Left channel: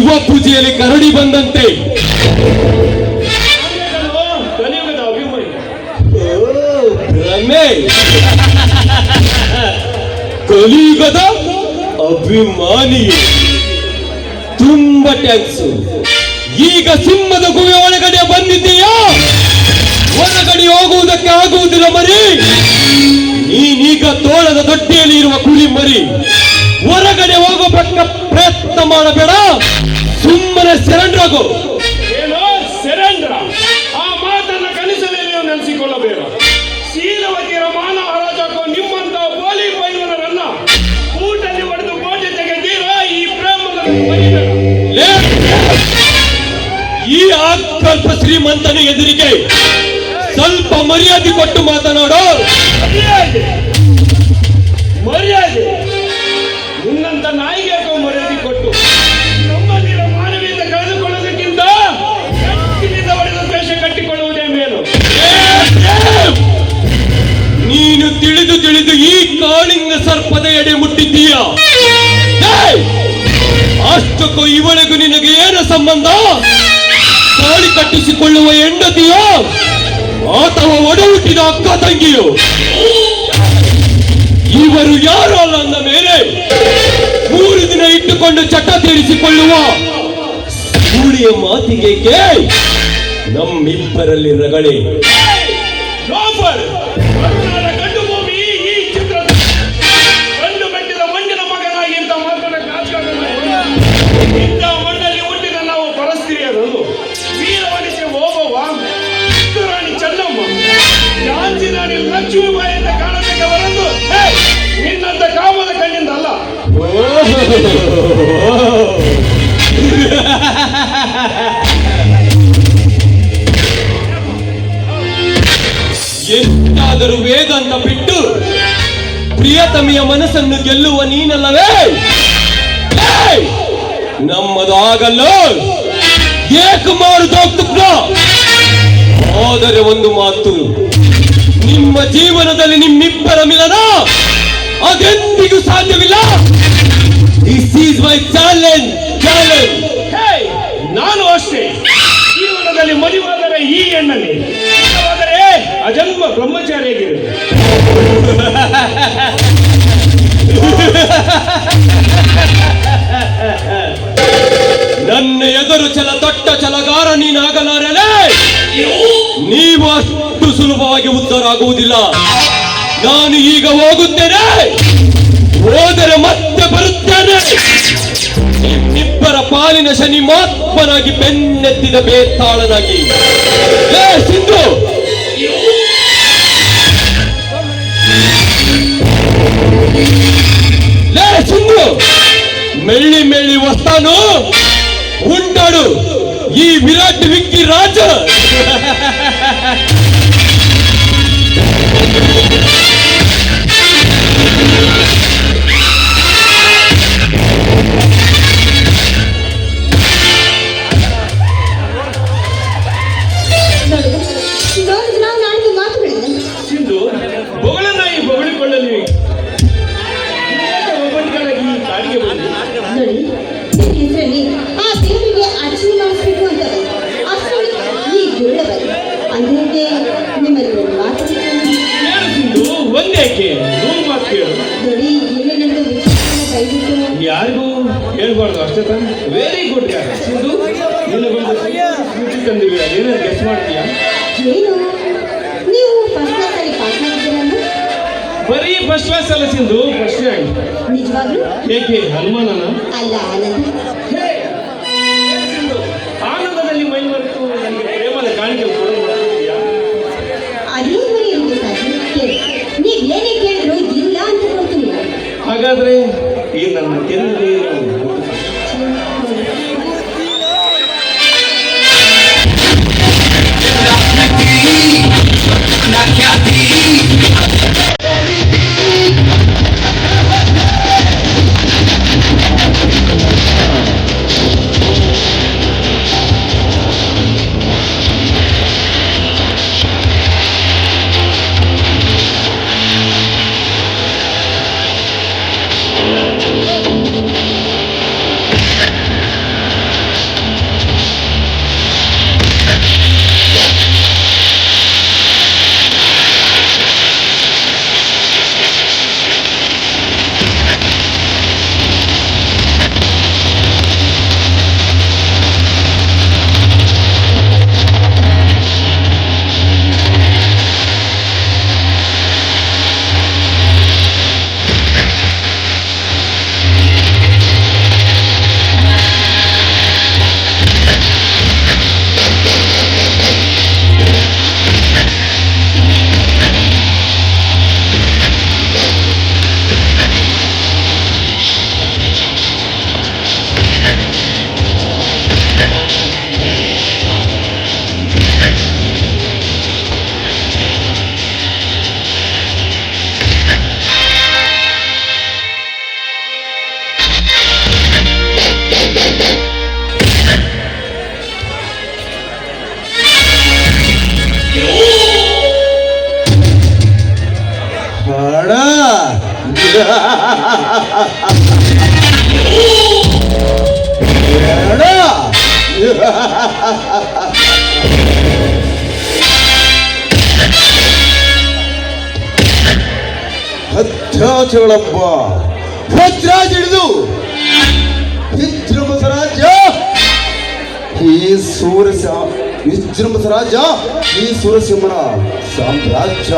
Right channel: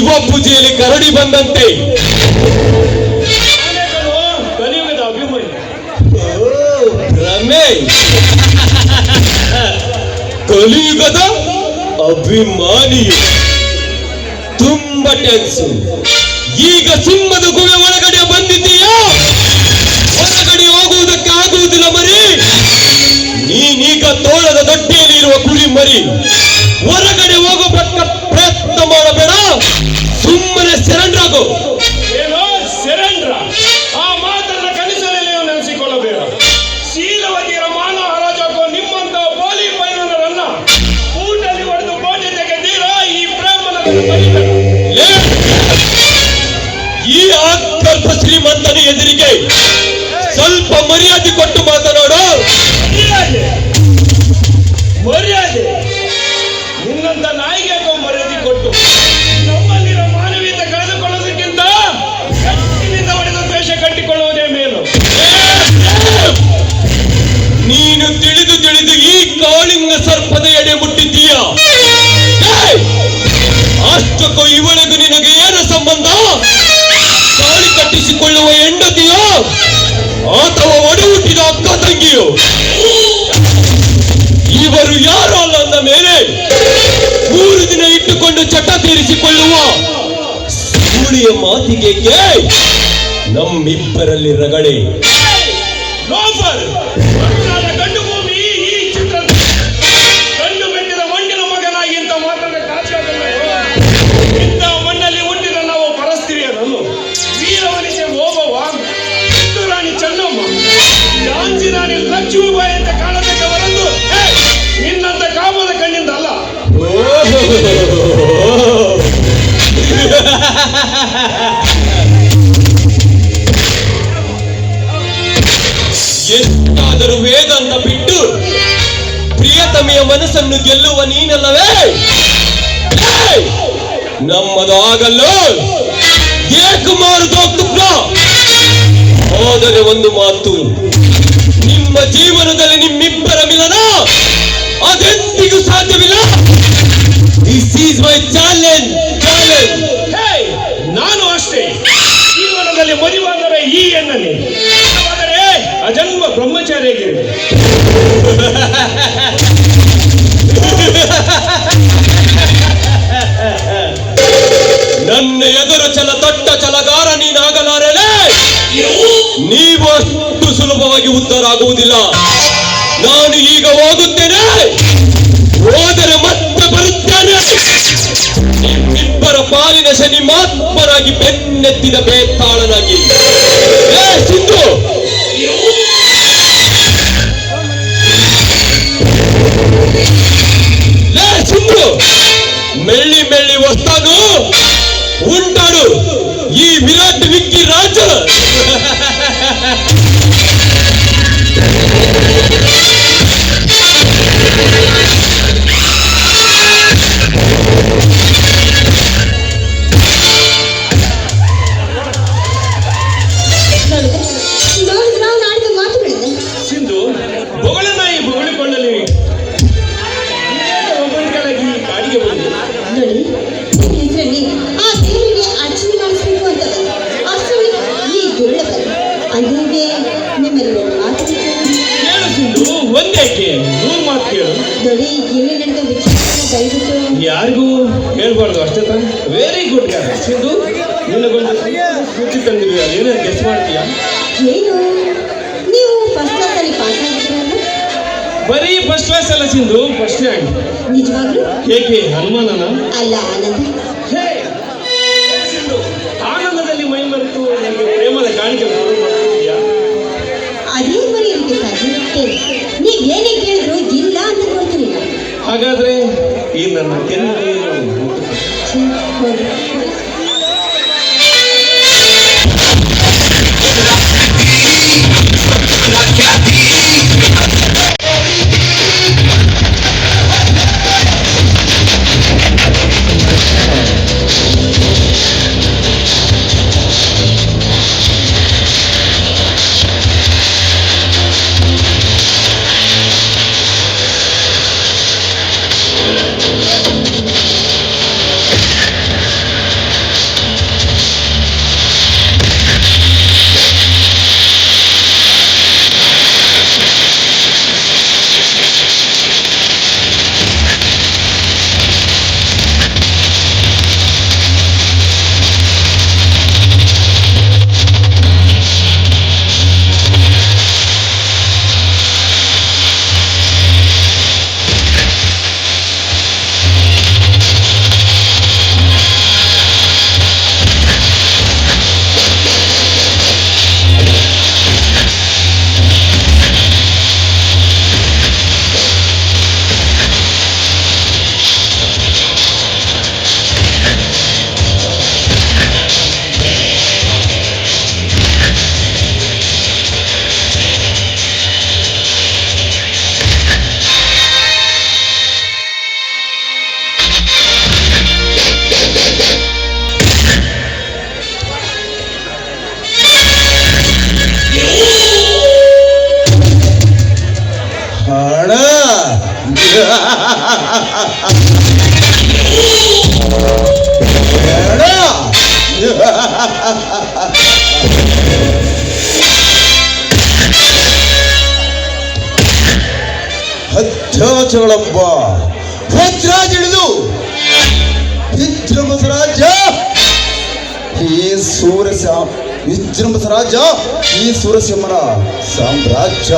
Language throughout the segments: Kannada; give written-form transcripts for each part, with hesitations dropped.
ಶಿವ ಪೂಜೆಯಲ್ಲಿ ಕರಡಿ ಬಂದಂತೆ. ಕಲಿಯುಗದ ಅಭಿಮಾನಿ ಭ್ರಮೆ. ಕಲಿಯುಗದ ಅಭಿಮಾನಿಯು. ತುಂಬಾ ಟ್ಯಾಕ್ಸ್. ಈಗ ಸಿಂಹದ ಗುಹೆ ಒಳಗಡೆ ಬಂದಿದ್ದೀಯಾ? ಹೊರಗಡೆ ಹೋಗುವುದಕ್ಕೆ ಆಗುವುದಿಲ್ಲ ಮರಿ. ನೀನೀಗ ತೋಳದ ದೊಡ್ಡಿಯಲ್ಲಿ ಇರುವ ಕುಳಿ ಮರಿ. ಹೊರಗಡೆ ಹೋಗಬೇಕ ಪ್ರಯತ್ನ ಮಾಡಬೇಡ. ಸುಮ್ಮನೆ ಸೆರೆಂಡ್ರಾಗು. ಏನೋ ಸೆರೆಂಡ್ರ? ಆ ಮಾತನ್ನ ಕನಸಲ್ಲಿ ನೀವು ನೆನೆಸಿಕೊಳ್ಳಬೇಡ. ಶೀಲವತಿಯ ಮಾನವ ಹರಾಜಾಕು ನಿಮ್ಮಂತ ಬೋಲಿ ಪೈನರನ್ನ ಊಟಲ್ಲಿ ಹೊಡೆದು ಕೋಟೆ ತೆಗೆದೀರಾ ಈ ಬ್ರಾಹ್ಮಣ. ಈ ಆತ್ಮರ್ಥ ಶ್ರೀಮಂತನ ಎದುರಿಗೆ ಸ್ವಲ್ಪ ಮರ್ಯಾದೆ ಕೊಟ್ಟು ಮಾತನಾಡು. ಮರ್ಯಾದೆ? ನಿನ್ನಂತ ನಾಯಿಗೆ ಮರ್ಯಾದೆ ಕೊಟ್ಟು ನಮ್ಮಲ್ಲಿರೋ ಮಾನವೀಯತೆ ಕಳೆದುಕೊಳ್ಳೋದಕ್ಕಿಂತ ಕತ್ತಿನಿಂದ ಹೊಡೆದ ದ್ವೇಷ ಕಟ್ಟಿಕೊಳ್ಳುವುದೇ ಮೇಲು. ನೀನು ತಿಳಿದು ತಿಳಿದು ಈ ಕಾಳಿಂಗ ಸರ್ಪದ ಎಡೆ ಮುಟ್ಟಿದ್ದೀಯ. ಅಷ್ಟಕ್ಕೂ ಇವಳಿಗೂ ನಿನಗೆ ಏನು ಸಂಬಂಧ? ತಾಳಿ ಕಟ್ಟಿಸಿಕೊಳ್ಳುವ ಹೆಂಡತಿಯೋ ಅಥವಾ ಒಡ ಹುಟ್ಟಿದ ಅಕ್ಕ ತಂಗಿಯೋ? ಇವರು ಯಾರು ಅಲ್ಲ ಅಂದ ಮೇಲೆ 3 ದಿನ ಇಟ್ಟುಕೊಂಡು ಚಟ ತೀರಿಸಿಕೊಳ್ಳುವ ಸೂಳಿಯ ಮಾತಿಗೆ ನಮ್ಮಿಬ್ಬರಲ್ಲಿ ರಗಳೆ. ಗಂಡು ಭೂಮಿ ಈ ಚಿತ್ರ ಗಂಡು ಬೆಟ್ಟಿದ ಮಣ್ಣಿನ ಮಗನಾಗಿ ಇಂಥ ಮಾತನ್ನ ಇಂಥ ಮಣ್ಣಲ್ಲಿ ಹುಟ್ಟಿದ ನಾವು ಪರಸ್ತ್ರೀಯರನ್ನು ವೀರವನಿಗೆ ಓಬವ್ವ, ಕಿತ್ತು ರಾಣಿ ಚಂದಮ್ಮ, ಝಾನ್ಸಿ ರಾಣಿ ಲಕ್ಷ್ಮೀಬಾಯಿ ಅಂತ ಕಾಣತಕ್ಕ ಹೊರತು ನಿನ್ನಂತ ಕಾಮದ ಕಣ್ಣಿಂದ ಅಲ್ಲ. ಎಷ್ಟಾದರೂ ವೇಗನ್ನ ಬಿಟ್ಟು ಪ್ರಿಯತಮೆಯ ಮನಸ್ಸನ್ನು ಗೆಲ್ಲುವ ನೀನಲ್ಲವೇ? ನಮ್ಮದಾಗಲ್ಲ. ಏಕಮಾರುದೋಗ್ತುಕ. ಆದರೆ ಒಂದು ಮಾತು, ನಿಮ್ಮ ಜೀವನದಲ್ಲಿ ನಿಮ್ಮಿಬ್ಬರ ಮಿಲನ ಅದೆಂದಿಗೂ ಸಾಧ್ಯವಿಲ್ಲ. This is my challenge. ನಾನು ಅಷ್ಟೇ. ಜೀವನದಲ್ಲಿ ಮದುವಾದರೆ ಈ ಹೆಣ್ಣಲ್ಲಿ, ಆದರೆ ಅಜನ್ಮ ಬ್ರಹ್ಮಚಾರಿಯಾಗಿರುವೆ. ನನ್ನ ಎದುರು ದೊಡ್ಡ ಛಲಗಾರ ನೀನಾಗಲಾರಲೇ. ನೀವು ಅಷ್ಟು ಸುಲಭವಾಗಿ ಉದ್ಧಾರ ಆಗುವುದಿಲ್ಲ. ನಾನು ಈಗ ಹೋಗುತ್ತೇನೆ. ಹೋದರೆ ಮತ್ತೆ ಬರುತ್ತೇನೆ. ನಿಮ್ಮಿಬ್ಬರ ಪಾಲಿನ ಶನಿ ಮಾತ್ಮನಾಗಿ ಬೆನ್ನೆತ್ತಿದ ಬೇತಾಳನಾಗಿ. ಸಿಂಧು, ಸಿಂಧು, ಮೆಳ್ಳಿ ಮೆಳ್ಳಿ ವಸ್ತಾನು ಉಂಟಾಡು ಈ ವಿರಾಟ್ ವಿಕ್ಕಿ ರಾಜ. ಸಿಂಧು, ಬೊಗಳನಾಯಿ ಬೊಗಳಿಕೊಳ್ಳಲಿ ಕಾಡಿಗೆ ಬಂದು ಒಂದೇಕೆ 3 ಮಾತು ಕೇಳು. ಯಾರಿಗೂ ಹೇಳ್ಬಾರ್ದು ಅಷ್ಟೇ ತಾನೆ. Very good. ಸಿಂಧು, ನಿನಗೊಂದು ಸೂಚಿ ತಂದಿರುವೆ. ಏನೇನು ಗೆಸ್ ಮಾಡ್ತೀಯಾ? ಬರೀ ಫಸ್ಟ್ ಕ್ಲಾಸ್ ಅಲ್ಲ ಸಿಂಧು, ಫಸ್ಟ್ ರ್ಯಾಂಕ್. ಏಕೆ ಅನುಮಾನನ? ಸಿಂಧು, ಆನಂದದಲ್ಲಿ ಮೈ ಮರೆತು ನನಗೆ ಪ್ರೇಮದ ಕಾಣಿಕೆ ಕೊಡುತ್ತೀಯಾ? ಹಾಗಾದ್ರೆ ಈ ನನ್ನ ಕೆಂಪು ಸಾಮ್ರಾಜ್ಯಗಳಪ್ಪ ಗಜರಾಜ್ ಹಿಡಿದು ವಿಜೃಂಭಸ ರಾಜ್ಯ ಈ ವಿಜೃಂಭಸ ರಾಜ್ಯ ಈ ಸೂರಸಿಂಹನ ಸಾಮ್ರಾಜ್ಯ.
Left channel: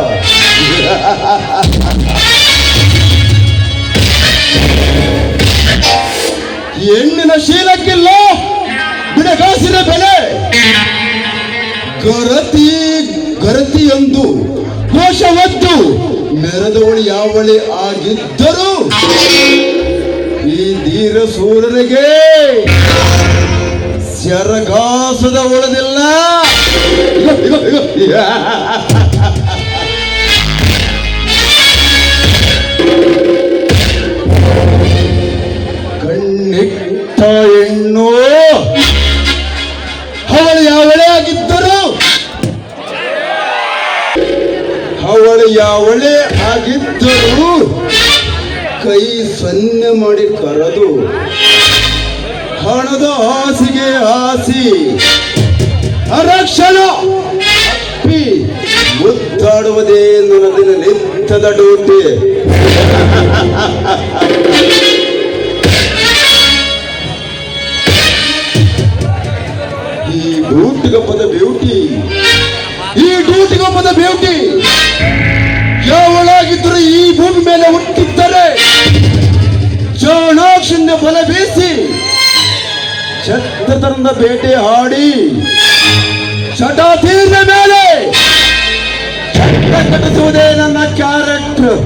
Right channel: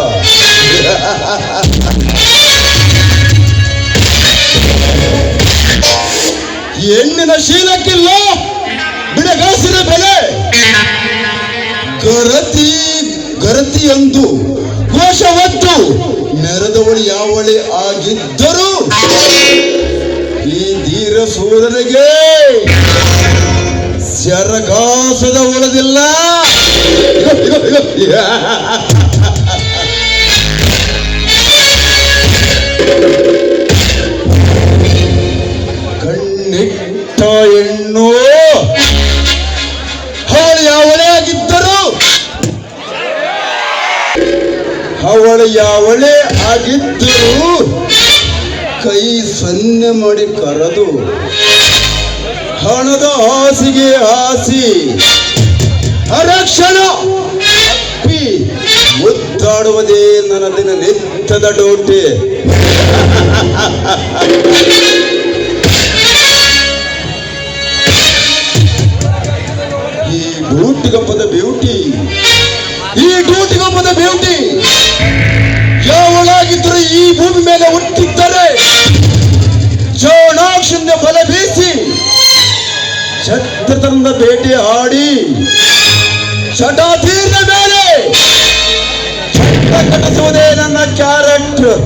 ಹೆಣ್ಣಿನ ಶೀಲಕ್ಕಿಲ್ಲ ಬಿಡಗಾಸಿನ ಬೆಲೆ. ಗರತಿ ಗರತಿ ಎಂದು ಘೋಷವತ್ತು ಮೆರೆದವಳು ಯಾವಳೆ ಆಗಿದ್ದರು ಈ ಧೀರ ಸೂರನಿಗೆ ಸರಗಾಸದ ಉಳಿದಿಲ್ಲ. ಕಣ್ಣಿಟ್ಟ ಹೆಣ್ಣು ಅವಳು ಯಾವಳೇ ಆಗಿದ್ದರು ಅವಳು ಯಾವಳೇ ಆಗಿದ್ದರು ಕೈ ಸನ್ನೆ ಮಾಡಿ ಕರೆದು ಹಣದ ಆಸೆಗೆ ಆಸಿ ಅರಕ್ಷಣ ಅಪ್ಪಿ ಮುದ್ದಾಡುವುದೇ ನನ್ನ ದಿನ ನಿತ್ಯದ ಡೋಟೆ. ಈ ಡೂಟಿಗಪ್ಪದ ಬ್ಯೂಟಿ ಯಾವಳಾಗಿದ್ದರೂ ಈ ಭೂಮಿ ಮೇಲೆ ಹುಟ್ಟಿದ್ದರೆ ಚಾಣಾಕ್ಷನ್ಯ ಬಲ ಬೀಸಿ ಛತ್ರತನದ ಬೇಟೆ ಆಡಿ ಚಟಾತೀರ್ನ ಮೇಲೆ ಕಟ್ಟಿಸುವುದೇ ನನ್ನ character.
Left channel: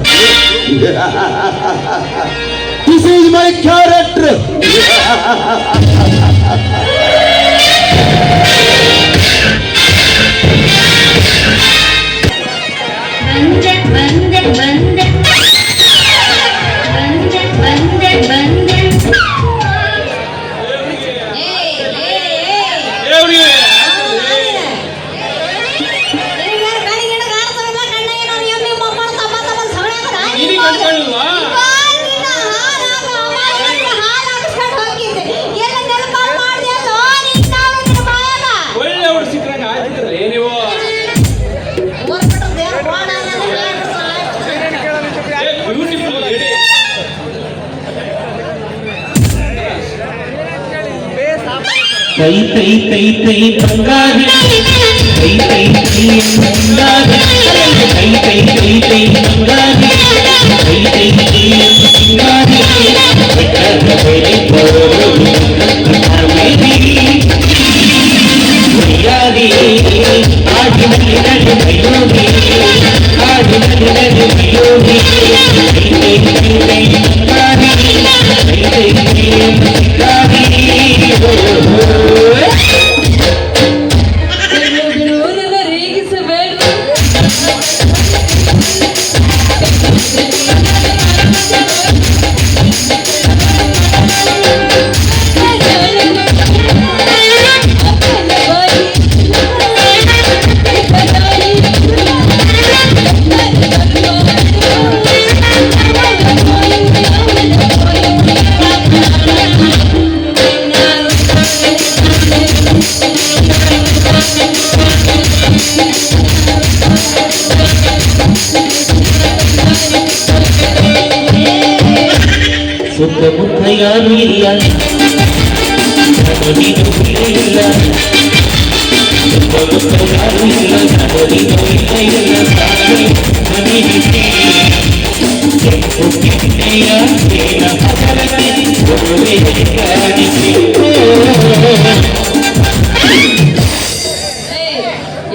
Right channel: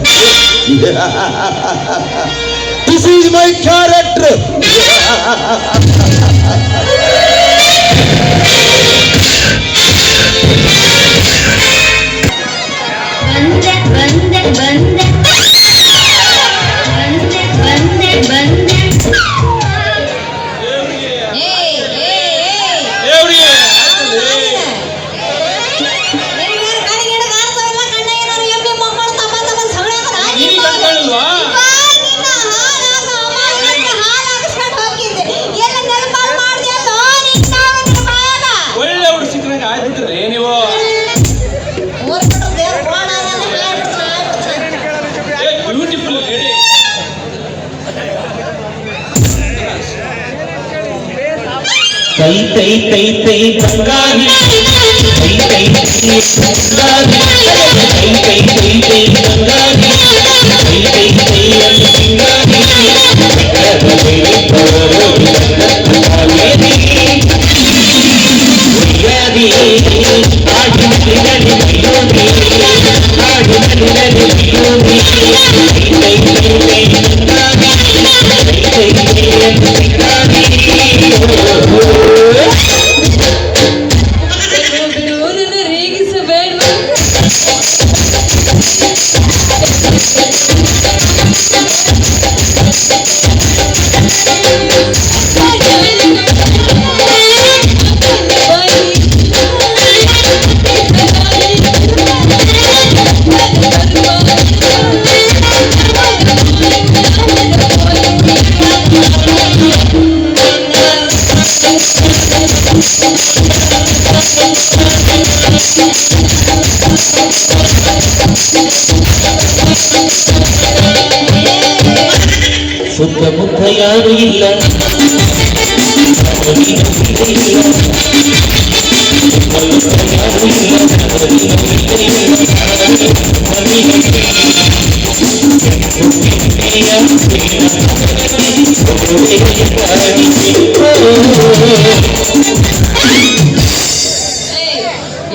This is my character. ಕೈ ಕೈ ಕೈ ಕೈ ಬಂಗಾರಿ ಕೈ ಕೈ ಕೈ ಬಂಗಾರಿ ಕೈ ಕೈ ಕೈ ಕೈ ಬಂಗಾರಿ ಕೈ ಕೈ ಕೈ ಸಿಂಗಾರಿ ಸುತ್ತಮುತ್ತ ಯಾರು ಇಲ್ಲ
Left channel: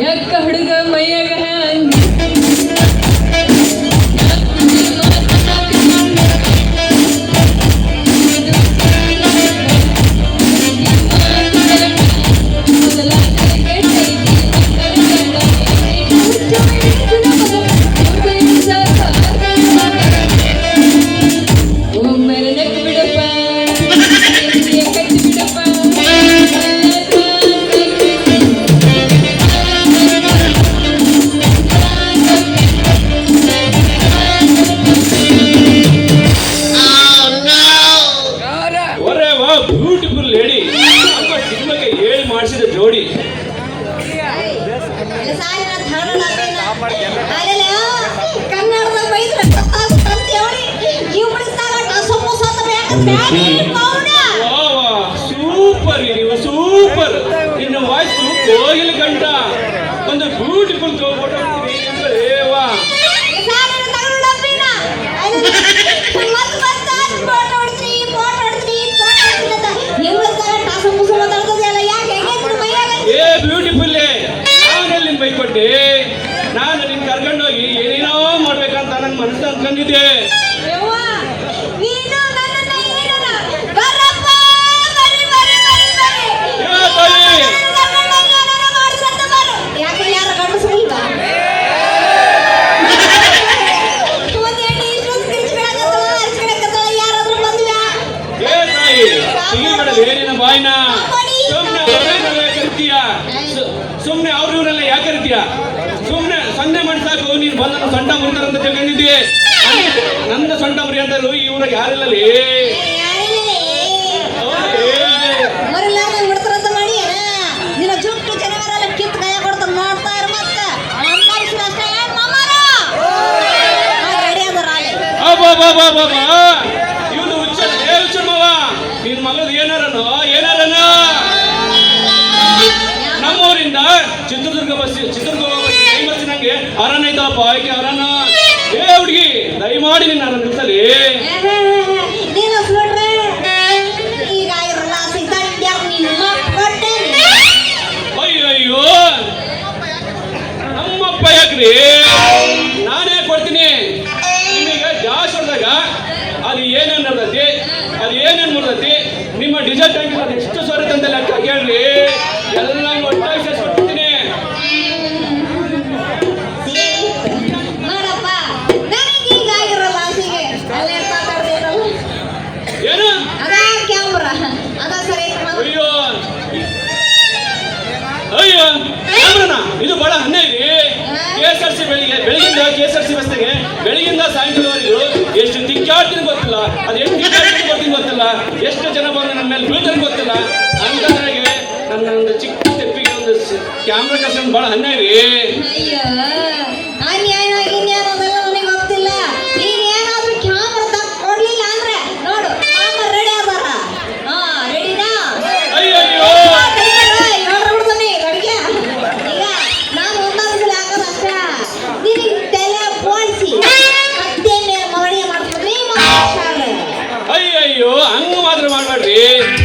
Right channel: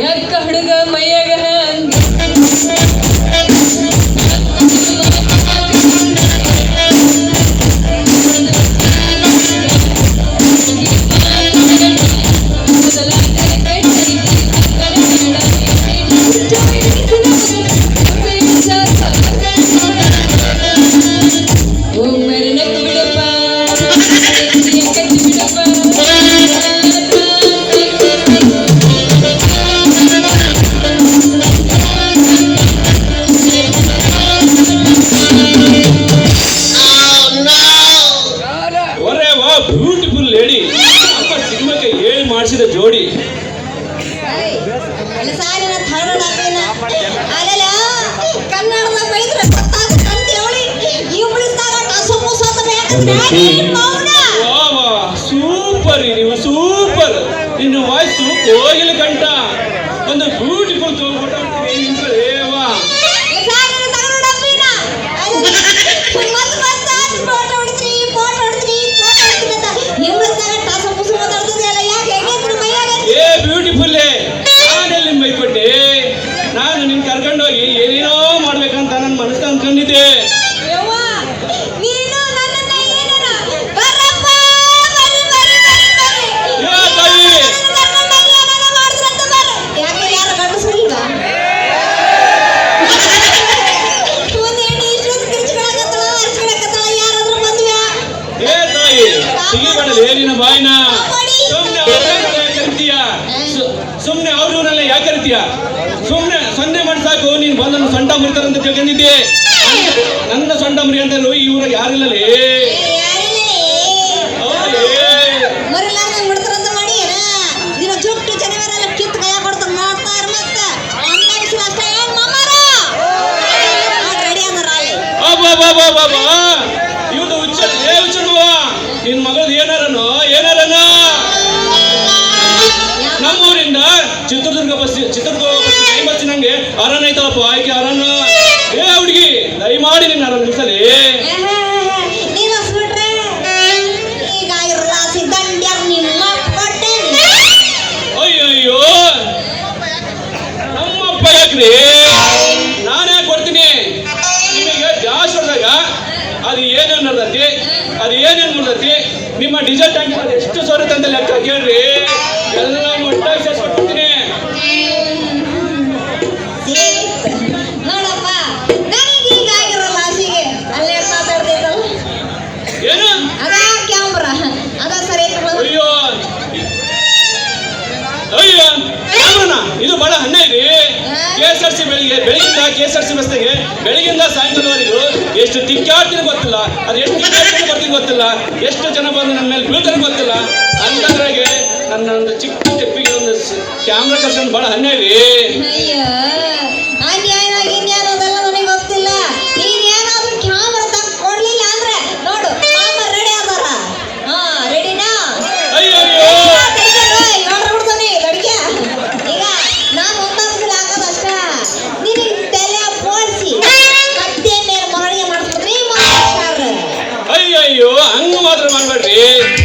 ಯಾಕ ಹುಡುಗ ಮೈಯಾಗನ ಜೋಡಿ ಕನ್ನಡದ ಬೈದ್ರೆ ಮನಸ್ಸೇ ಸೂಪರ್ ನೀವು ಸೂಪರ್. ನಿನ್ನ ವಾಯ್ಸು ಕೋಗಿಲೆ ಕಂಠ. ಒಂದು ಬ್ಯೂಟಿಫುಲ್ ವಾ. ಏ ಬ್ಯೂಟಿಫುಲ್, ನಾನೆಲ್ಲಿ ಬೈಕೊಟ್ಟೆ? ನಾನು ನಿನ್ ಕರ್ಕೊಂಡು ಹೋಗಿ ಏನೇನೋ ಮಾಡ್ಬೇಕಂತ ನನ್ನ ಮನಸ್ಸು ಅನ್ಕೊಂಡಿದ್ದೆ. ಏ ತಾಯಿ, ಏ ತಾಯಿ, ಸಿಗಿಬೇಡಲೇ ನಿನ್ನ ಬಾಯ್ನ. ಸುಮ್ಮನೆ ಅವ್ರನ್ನೆಲ್ಲ ಯಾಕೆ ಕರಿತೀಯ? ಸುಮ್ಮನೆ ಸೊನ್ನೆ ಮಾಡಿ ಸಾಕು. ನೀನು ಬಂದು ಸೊಂಟ ಮುರಿತಾರೆ ಅಂತ ತಿಳ್ಕೊಂಡಿದ್ದೆ. ನನ್ನ ಸೊಂಟ ಮುರಿ ಅಂತಲೂ ಈ ಊರಾಗ ಯಾರಿಲ್ಲಲೇ. ಹೌದೇ? ಇವನು ಹುಚ್ಚನವ. ನಿನ್ ಮಗಳದು ಏನಾರನೋ ನಮ್ಮೂರಿಂದ ಚಿತ್ರದುರ್ಗ ಬಸ್ ನಂಗೆ ಅರಣ್ಯ ಐತಲ್ಲಪ್ಪ, ಆಯ್ಕೆ ಅರಣ್ಯ. ಏ ಹುಡುಗಿ, ದಯಮಾಡಿ ನಿನ್ನ ಅರಣ್ಯ ನಿಲ್ಸಲಿ. ಅಯ್ಯಯ್ಯೋ, ನಮ್ಮಪ್ಪ ಯಾಕ್ರಿ? ನಾನೇ ಕೊಡ್ತೀನಿ. ನಿಮಗೆ ಜಾಸ್ತಿ ಹೊಡೆದಾಗ ಅದು ಏನೇನು ನೋಡ್ದತಿ ನಿಮ್ಮ ಡಿಸಲ್ಟ್ ಹಾಕಿ ಎಷ್ಟು ಸೋರುತ್ತೆ ಅಂತ ಲೆಕ್ಕ ಕೇಳ್ರಿ. ಎಲ್ಲ ಒಟ್ಟಾಗಿ ಸೇರಿಸ್ಕೊಡ್ತೀನಿ. ಏನು? ಅಯ್ಯೋ ಕ್ಯಾಮ್ರನ ಇದು ಬಹಳ ಅನ್ಯಾಯ ರೀ. KSRTC ಬೆಳಿಗ್ಗೆಯಿಂದ KSRTC ಬಸ್ನಾಗೆ ಬೆಳಿಗ್ಗೆಯಿಂದ ಸಾಯಂಕಾಲವರೆಗೂ ಎಷ್ಟು ತಿಕ್ಕಾಡ್ತೀನಿ ಗೊತ್ತಿಲ್ಲ. ಅದು ಎಷ್ಟು ತಿಕ್ಕಾಡ್ತೀನಿ ಗೊತ್ತಿಲ್ಲ. ಎಷ್ಟು ಜನ ಬಂದು ನನ್ನ ಮೇಲೆ ಬೀಳ್ತಾರೆ ಗೊತ್ತಿಲ್ಲ. ಅಂತದ್ರಾಗೆ ನನ್ನ ಒಂದು ಚಿಕ್ಕ ತೆಪ್ಪಿಗೆ ಒಂದು ಕ್ಯಾಮ್ರಾ ಕರ್ಸ್ಕೊಂಡು ಬಹಳ ಅನ್ಯಾಯ ರೀ. ಅಯ್ಯಯ್ಯೋ, ಹಂಗ ಮಾತ್ರ ಮಾಡ್ಬೇಡ್ರಿ.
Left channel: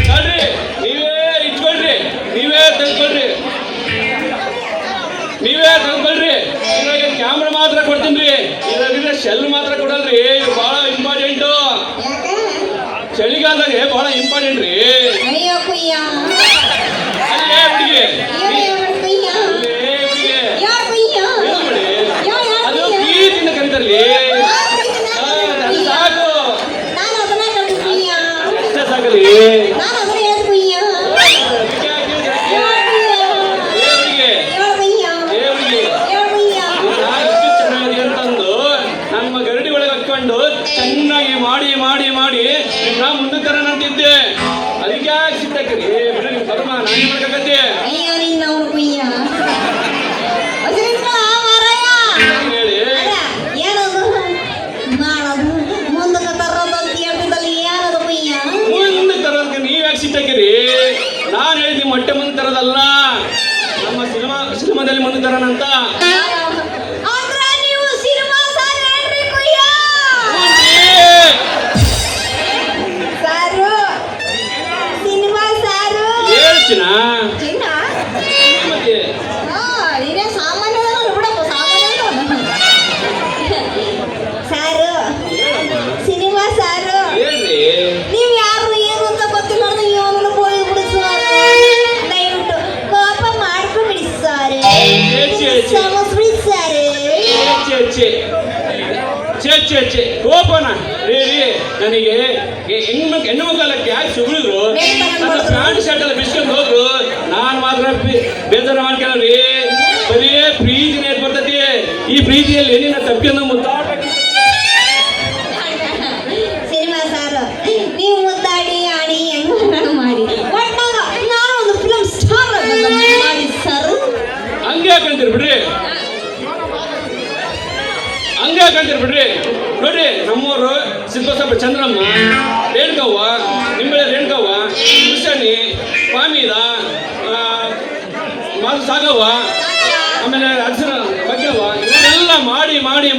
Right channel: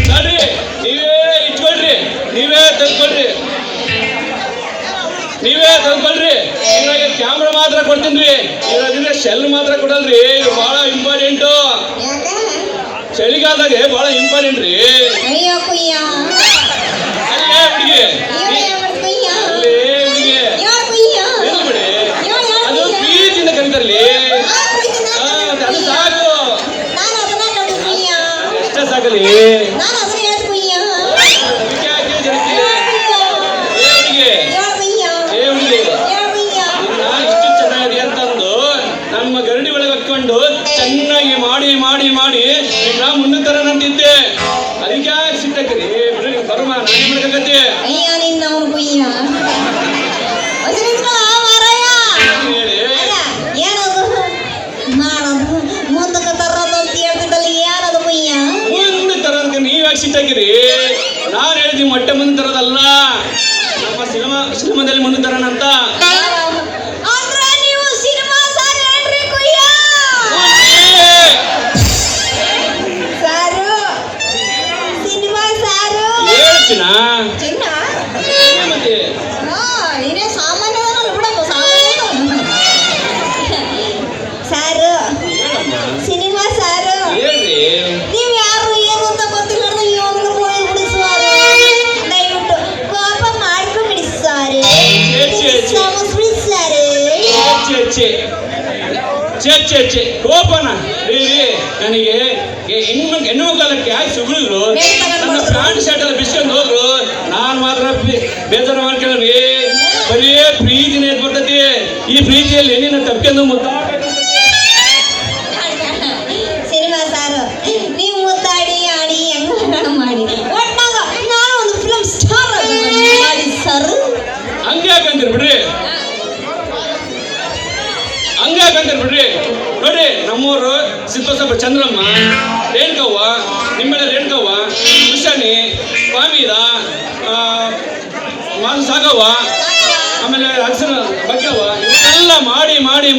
ನೋಡ್ರಿ, ನೀವೇ ಇಟ್ಕೊಳ್ರಿ, ನೀವೇ ತೆಗೆದುಕೊಳ್ರಿ. ಇವಾಗ ಕ್ಯಾಮ್ರಾ ಮಾತ್ರ ಕೊಡ್ತೀನಿ. ಇವಾಗ ಶೆಲ್ ಮಾತ್ರ ಕೊಡಲ್ರಿ. ಇದು ಬಹಳ ಇಂಪಾರ್ಟೆಂಟು. ಚಳಿಗಾಲದಾಗೆ ಬಹಳ ಇಂಪಾರ್ಟೆಂಟ್ ರೀ. ಅದು ಪ್ರೀತಿಯಿಂದ ಕರೀತಾರಲಿ. ಅಷ್ಟೇ ಸಾಕಲಿ. ಇಷ್ಟು ಚೆನ್ನಾಗಿದೆ ಅಂತಂದು ನಮ್ಮ ಗರಡಿ ಒಳಗೆ ಹಾಕೊಂಡು ಚೆನ್ನಾಗಿ ಮಾಡಿ ಮಾಡಿ ಮಾಡಿ ನಾ ಮುಂದೆ ತರನಂತಿದ್ದೆ. ಅದಕ್ಕೆ ಸಿಟ್ಟಕ್ರಿ ಬಿಡ್ರಿ, ಬರಮ ನಾನಿರ್ಬೇಕಂತೆ. ಹೇಳಿ ಮುಂದೆ ತರೋದಕ್ಕೆ ನೀವ್ಯಾಕೆ ಸಿಟ್ಟಾಗಿರಿ? ನಾನು ಹೇಳ್ತೀನಿ ಮೊಟ್ಟೆ ಮುಂದೆ ತರೋದಲ್ಲ, ನಮ್ಮ ಸಿನಿಮಾದಲ್ಲಿ ಮುಂದೆ ತರೋಣಂತ. ಹೇಳ್ಚಿನ ಮತ್ತೆ ಹೇಳ್ರಿ. ಚೆ ಕೋಪನ ರೀ. ನನಗೆ ಹೆಣ್ಣು ಕಾಲಕ್ಕೆ ಯಾಕೆ ಸುಗಳಿದ್ರು? ನನ್ನ ಪ್ಯಾಂಟ್ ಶರ್ಟ್ ಎಲ್ಲ ಬಿಸ್ಕೊಂಡು ಹೋದ್ರು. ನಾನು ಮಾತ್ರ ಬೇಜಾರು ಮಾಡ್ಕೊಳ್ಳಿ. ಬರೀ ಪ್ರೀತಿನೇ ಬರ್ತೈತಿ. ಈ ಪ್ರೀತಿಯಲ್ಲಿ ನಿನ್ನ ತಪ್ಪಿಯನ್ನು ಮುದ್ದಾಡಬೇಕು. ಹಂಗೆ ಬಿಡ್ರಿ. ನೋಡ್ರಿ, ನಮ್ಮೂರು ಸಿಂಪಸಪ್ಪ ಚಂದ್ರಮ್ಮ ರೇಣುಕವ್ವ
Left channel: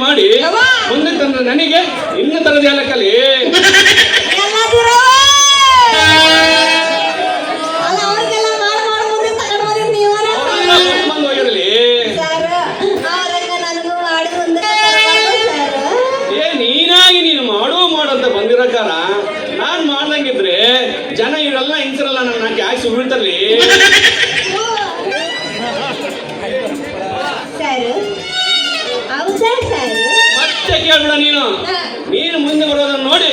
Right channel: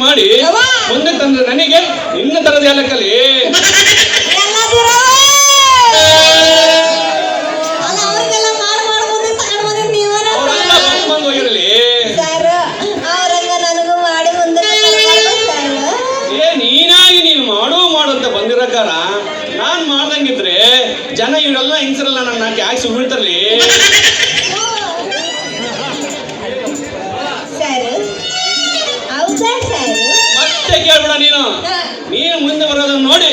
ಮಾಡಿ ಮುಂದೆ ತಂದ್ರೆ ನನಗೆ ಇನ್ನ ತರದ ಹೇಳಕ್ಕಲ್ಲಿ ಎಲ್ಲದಿರೋ ಅಲ್ಲ ಅವ್ರಿಗೆಲ್ಲ ಮಾಡಿ ಮುಂದೆ ತಗೊಂಡು ಬಂದಿದ್ದು ನೀವನ ಅವರೆಲ್ಲ ಕರ್ಕೊಂಡು ಹೋಗಿರಲಿ. ಸರ್ ಅವ್ರಂಗ ನನಗೂ ಮಾಡಿ ಮುಂದೆ ಸರ್ ನೀನಾಗಿ ನೀನು ಮಾಡು ಅಂತ ಬಂದಿರಕಾರ ನಾನ್ ಮಾಡ್ದಂಗಿದ್ರೆ ಜನ ಇವರೆಲ್ಲ ಹಿಂಸರಲ್ಲ ನನ್ನ ಯಾಕೆ ಸುಳ್ತಾರ್ಲಿ. ಸರ್ ಹೌದಾ ಸರ್ ಮತ್ತೆ ಕೇಳ್ಬಿಡ ನೀನು ಮುಂದೆ ಬರೋದನ್ನ ನೋಡಿ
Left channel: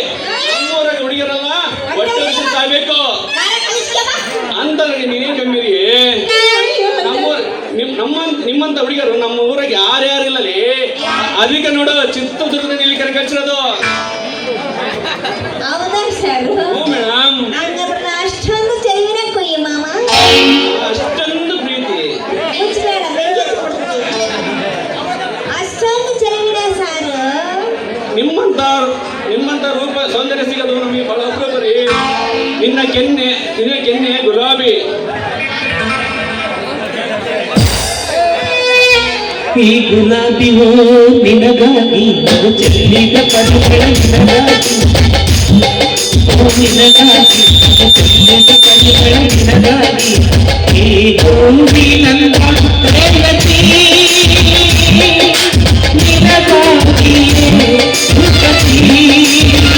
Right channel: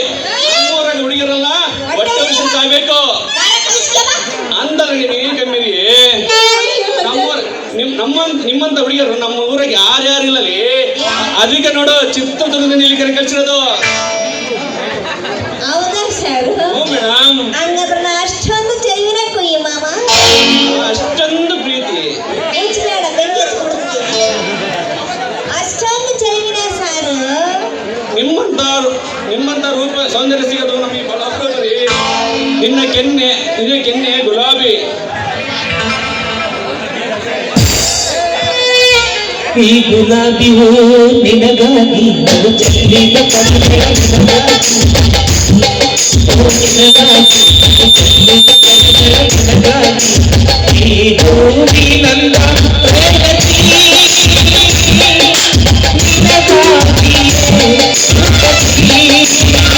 ನಮ್ಮೂರಾಗ ಹುಡುಗಿರಲ್ಲ ಹೊಟ್ಟೆ ವರ್ಷ ಸಾಯ್ಬೇಕು ಅಂತಲ್ಲ ನೀನು ಏನ್ ಕಮ್ಮಿರಿ. ನಿಮ್ಮಂತ ಹುಡುಗಿಯರು ನಮ್ಮ ಊರಾಗ ಯಾರ್ಯಾರಿಲ್ಲಲಿ ಅದಕ್ಕೆ ನೋಡು ಚಿತ್ರದುರ್ಗದಿಂದ ಇಲ್ಲಿ ಕರೆ ಕಳ್ಸಿರೋದು. ಹೌದಾ ಸರ್ ಹ್ಞೂ ಮೇಡಮ್, ಹಂಗಾದ್ರೆ ನಾ ಅಷ್ಟೊಂದು ಚೆಲುವಿನ ಕೊಯ್ಯಿ ಮಾಮ ಅಷ್ಟೊಂದು ಪ್ರೀತಿ. ಮುಚ್ಚಬೇಡ ಬೆಂಕಿ ಹಚ್ಚಿಬಿಡ್ತೀನಿ ಅಷ್ಟೊಂದು ಚೆಲುವಿನ ಸರ್ ನಿಮ್ಮಂತ ರೂಪ ಸೌಂದರ್ಯ ಸಿಗೋದು ನಮಗೆ ಬಹಳ ಅಪರೂಪ ರೀ. ನಿನ್ನ ಕೆನ್ನೆ ಗುಲಾಬಿ. ಈ ಗುಲಾಬಿ ಹೂ ನಿನಗಾಗಿ ಅದು ಚೆಲ್ಲಿದ ಪರಿಮಳ ನಿನಗಾಗಿ ಓ ನಿನಗಾಗಿ ಅದು ಚೆಲ್ಲಿದ ಪರಿಮಳ ನಿನಗಾಗಿ ಈ ಹೂವಿನಂದ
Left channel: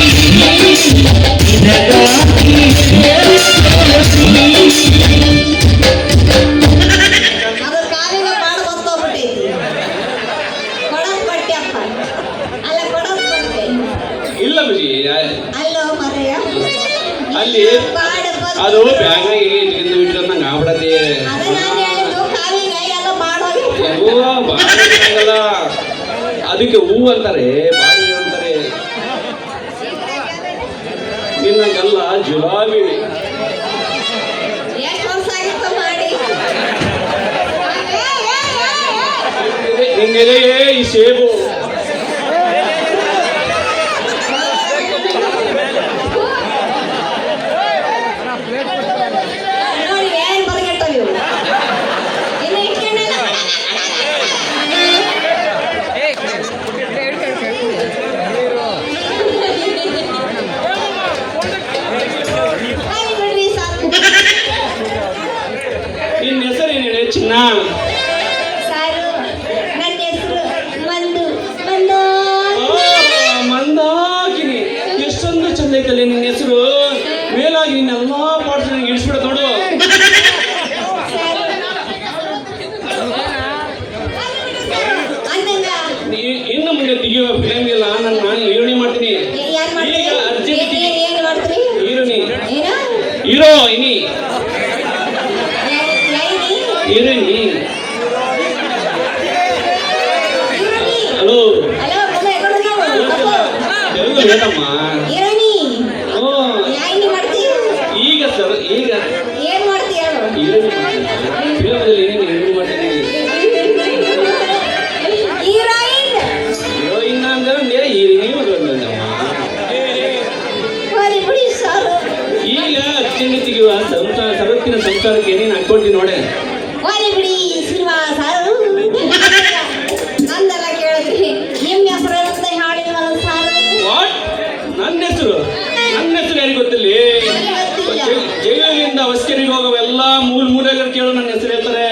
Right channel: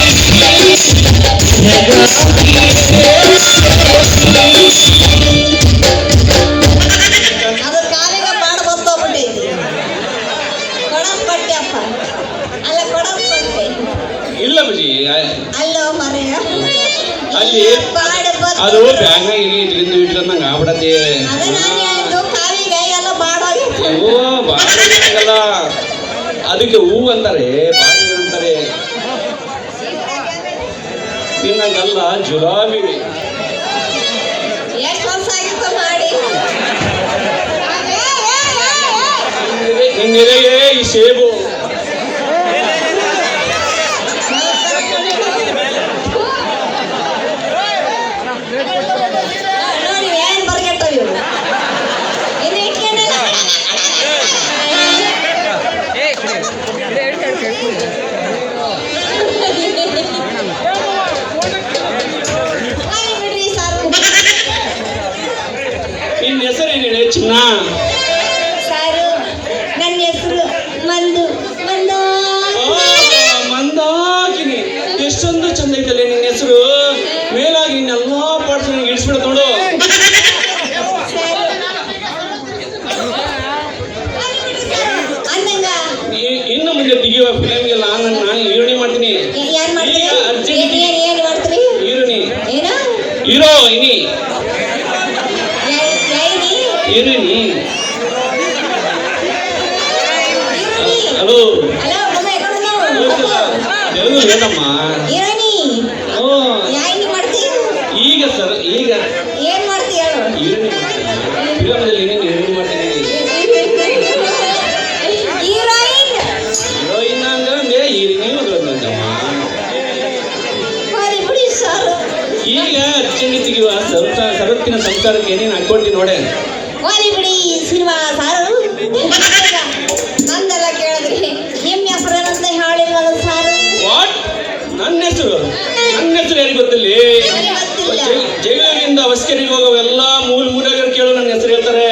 ಪ್ರೇಯಸಿ ನಿನಗಾಗಿಯೇ ಅದ್ರ ಕಾಲಿಗೆ ಕಾಡು ಗೊತ್ತೋಗ್ಬಿಟ್ಟೈತಿ ಕೊಡಂಪಟ್ಟಿ ಅಪ್ಪ ಅಲ್ಲ ಕೊಡಂಪಟ್ಟಿ ಇಲ್ಲ ಬಜಿ ಅಲ್ಲೋ ಮರೆಯ ಅಲ್ಲಿ ಪಾಡು ಬತ್ತು ಅದು ಬ್ಯಾಗ್ನಾಗ ಇಟ್ಕೊಂಡು ಇಟ್ಕೊಂಡಂಗ ಆಗ್ಬಿಡತ್ತೆ. ಅದು ನಾನು ಹೇಳಿದ್ದು ಕಾಲಿಗೆ ಎಲ್ಲ ಬಾಡೋಗಿತ್ತು ಓ ಬಾಳ ಅದಕ್ಕೆ ಹೂ ಅಂತಾರೆ, ಬಾಡಿ ಅಂತಾರೆ. ನಿನ್ನಂಗೆಲ್ಲ ಜುಲಾಬಿ. ಎಷ್ಟು ವರ್ಷ ಆಗಿತ್ತು ಮಾಡಿ ನಿನ್ನೆಲೆಯೇ ಈ ಸೇಬು. ನೋಡಿ ಏನ್ ಬರ್ಗೆಟ್ಟವು ಇವು ಇನ್ನು ಇಟ್ಕೊಂಡೆಲ್ಲ ಬಿಡ್ರಿ ಸಾಕು ನಿನ್ನ ಹೆಸರು ಏನ್ ಹೇಳಿ ಚಿನ್ನ? ಸಾರು ನನ್ನ ಹೆಸರು ಮಂದು ಮಂದು ಓ, ಮಂದಾಕಿನಿ. ಎಷ್ಟೊಂದು ಚಂದ ಐತಲ್ಲ ನಿನ್ನ ಹೆಸರು. ಮೇಲಾಗಿ ನಿನ್ನ ಎಲ್ಲಾ ಪಾರ್ಟ್ಸ್ ನನಗೆ ಇಳಿಸ್ಬಿಡ ನೋಡು. ಅಂದಂಗ ಇನ್ನು ಮುಂದೆ ತೆಗಿಯುವ ಫಿಲಮ್ ಎಲ್ಲ ನಾನು ಹೀರೋಣಿ ಮಾಡ್ತೀನಿ. ಯಾರು ಮಾಡ್ತೀರಿ ಈಗ ಅರ್ಜೆಂಟ್ ಏನ್ ಮಾಡ್ತೀರಿ ಹೀರೋಣಿ ಏನ ಹೀರೋ ಇನಿ ಲೈನಿ ಹೀರೋಣಿ. ಈರುಳ್ಳಿ ಹಲೋ ಹಲೋ ಒಮ್ಮೆ ಎಕೊಂಡು ತೆಲುಗು ಬೇಡಮ್ಮ. ಈರುಳ್ಳಿ ಓ, ಯಾಯಿನಿ ಮಾಡ್ತಿ ಈಗ ಸರ್ ಈಗ ಏನ್ ಮಾಡ್ತೀಯ ಹೀರೋಣಿ ಫಿಲಮಲ್ಲಿ ಹೀರೋಣಿ ಮಾಡ್ತೀನಿ. ಹೀರೋಯಿನ್ ಹೀರೋಯಿನ್ ಅಂದ್ರೆ ಹೀರೋಣಿ ಮಗಳಮ್ಮ. ಬರೀ ಬಿಡಿ ಸಾರು ಈಗ ಅರ್ಜೆಂಟ್ ತೆಗಿಯುವ ಸರತ್ತಿನ ಸಂಸಾರಕ್ಕೆ ಏನೇನು ಹಾಕೊಳ್ತೀನಿ ನೋಡೆ. ಬರೀ ಬಿಡಿ ಸಿನಿಮಾ ಸಾರು ಅಂದೆಲ್ಲ ಕೇಳಿದ್ರಿ ನಿಮ್ಮ ಹೆಸರು ಅಂತ ಹೇಳಿಲ್ಲ ಸಾರು ವಾಟ್? ನನ್ನ ಹೆಸರು ಯಾರಿಗೆ ಗೊತ್ತಿಲ್ಲ? ಗೊತ್ತಿಲ್ಲ ಜೈಲಿನಿಂದ ಹೊಸ್ಕೆರೆಗೆ ಹೋಗೋವೆಲ್ಲ ಮೂಲೆಗಳು ಕೇಳು ನನ್ನ ಹೆಸರು ಹೇಳ್ತಾರೆ.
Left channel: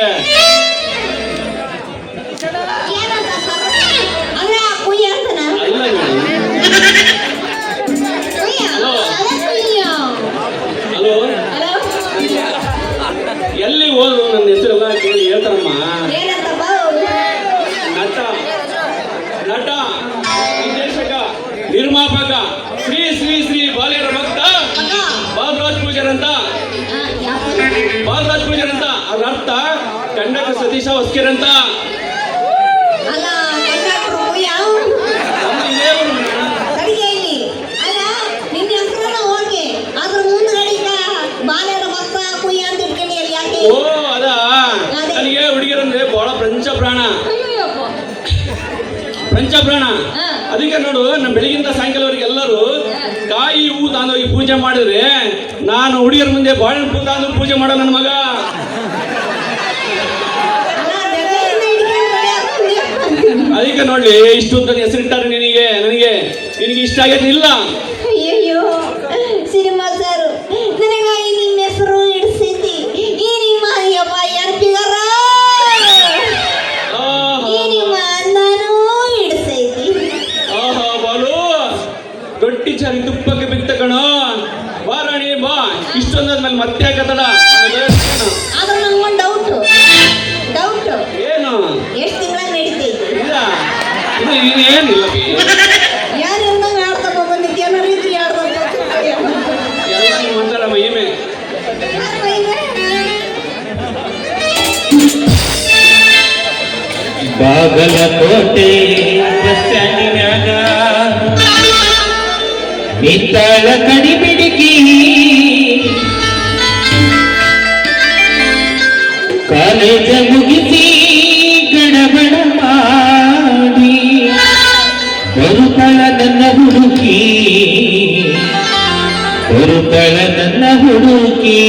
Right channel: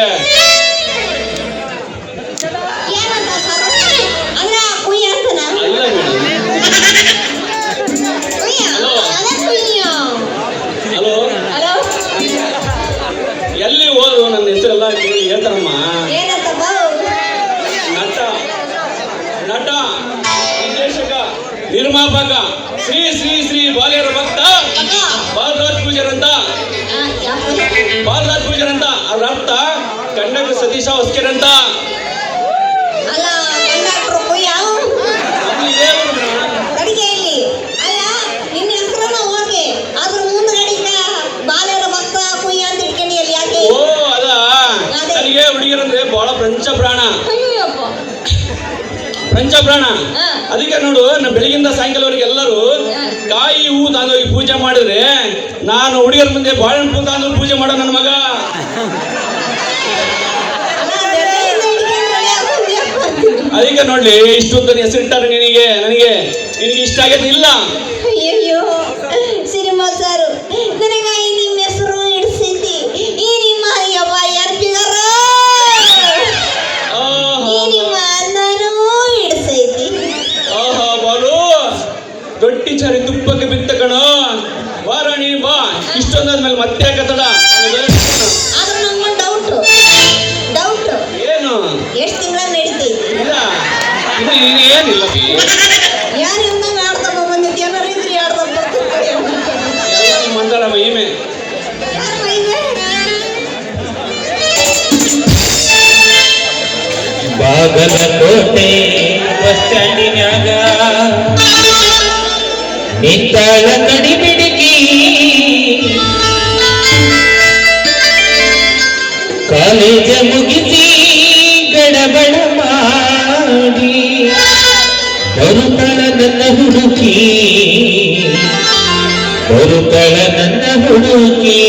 ಏನಂತ ಸಾರು ಅಂದ್ರೆ ಕುಯ್ಯ ಅಂತನ ಅಲ್ಲ ನೋಡಿ. ಕುಯ್ಯ ಅದ ಕುಯ್ಯ ಹಲೋ, ಹಲೋ ಎಲ್ಲಿ ಹೋದ್ರು ನನ್ನ ಹೆಸರೆಲ್ಲ ಕೇಳಿ ಹೇಳ್ತಾರಮ್ಮ. ಏನಂತಮ್ಮ ನಟ ನಿರ್ದೇಶಕ ನಿರ್ಮಾಪಕ ಶ್ರೀ ಶ್ರೀ ಶ್ರೀ ಬಾಲ್ಯರ ಭಕ್ತ ಬಾಲರಾಜ್ ಪೂಜಾರ್ ಅಂತ. ಬಾಲರಾಜ್ ಪೂಜಾರ್ ಅಂತ ಅದ್ರ ಅರ್ಥ ಕಂಡಕ ಸತೀಶ ಹೊಸ್ಕೆರೆ ಅಂತ. ಅಲ್ಲ ಕಂಡಕ್ಟ್ರು ಕುಯ್ಯ ಅಡಿಗೆ ಇಲ್ಲಿ ಅಲ್ಲ ನಿನ್ನ ಹೆಸರನ್ನ ಓಕೆ ಅದ್ರ ಮುಂದ್ಗಡಿಗ ಬಾಲ್ಯರ ಭಕ್ತ ಕುಯ್ಯ ಅಂತ ಇಟ್ಕೊಂಡು ಅಲ್ಲಿ ಯಾಕೆ ಓ ಅದ ನನಗೆ ಹುಡುಗಿರಂದ್ರೆ ಬಹಳ ಪಂಚಪ್ರಾಣ. ಅದಕ್ಕೆ ನೋಡು ನಮ್ಮ ಬೆಳಗಿಂದ ಸಾಯಂಕಾಲವರೆಗೆ ಎಲ್ಲರೂ ಕಾಯಿ ಹೂ ತಂದೋಗಿ ಪೂಜೆ ಮಾಡಿದ್ರೆ ನಾನು ಹುಡುಗಿಯರ ಮುಂದೆ ಬಾಳೆಹಣ್ಣು ಪೂ ತಂದು ಪೂಜೆ ಮಾಡೋ ನನ್ನ ಮಗ. ಅಲ್ಲ ಬೆಳಗ್ಗೆಯಿಂದ ಹಿಡ್ಕೊಂಡು ಅದಕ್ಕೆ ನೋಡ್ಲಿ ಇಷ್ಟೊಂದು ಹೆಸರಿಟ್ಟಾರೆ ನಿನಗೆ ನನಗೆ ನಿನಗೆ ಇಷ್ಟ ಆಗೇನಿಲ್ಲ. ಅಯ್ಯಯ್ಯೋ ಸಿನಿಮಾ ಸರ್ ನನಗಾಗಿ ನಿಮ್ಮ ಹೆಸರು ಇಡಿಸಿದ್ದಿ ಈ ನಿಮ್ಮ ಅಯ್ಯವ್ವ ಯಾರು ಬಿಗಾರ ಈ ನಿಮ್ಮ ನಾನು ಇಡಿಸೈತಿ. ಆಹಾ ಬಾಲು ಗಟ್ಟಿ ಚರಿ ತುಪ್ಪಕ್ಕೆ ಬಿತ್ತ ಕಣ. ವಾರಾಣಿ ಬಾ, ಇಷ್ಟೊಂದಾದ್ಮೇಲೆ ಮತ್ತೆ ಯಾಕತ್ತಡ? ಆದ್ರೆ ನಂಗೊಂದು ಡೌಟ್ ಏನು ಎಷ್ಟು ತಿಂಗಳ ನಡೀತೈತಿ? ಇಲ್ಲ ಇನ್ನು ಏನಿಲ್ಲ ಬಿ. ಯಾರು ಇಲ್ದಂಗೆ ಆಡ್ಕೊಂಡು ಬಂದಿದ್ದು ಏನಾರು ಇದ್ರಿ ಆಡ್ದಂಗೆ ಎಲ್ಲ ಮಂದಳ ಮಹಿಮೆ. ಬಾಗಲಕೋಟೆ ಬಸ್ ಸ್ಟ್ಯಾಂಡಿನ್ಯಾಗ ನಿಂತಾಳ ಕಡಿಬಿಡಿಕಿ ಕಾಲೇಜ ಮುಗಿಸಿ ಗಡಬಡ ಮಾಡಿ ಬರುತ್ತಾಳ ನನ್ನ ಹುಡುಕಿ ಬರುತ್ತಾಳ ನನ್ನ ಹುಡುಕಿ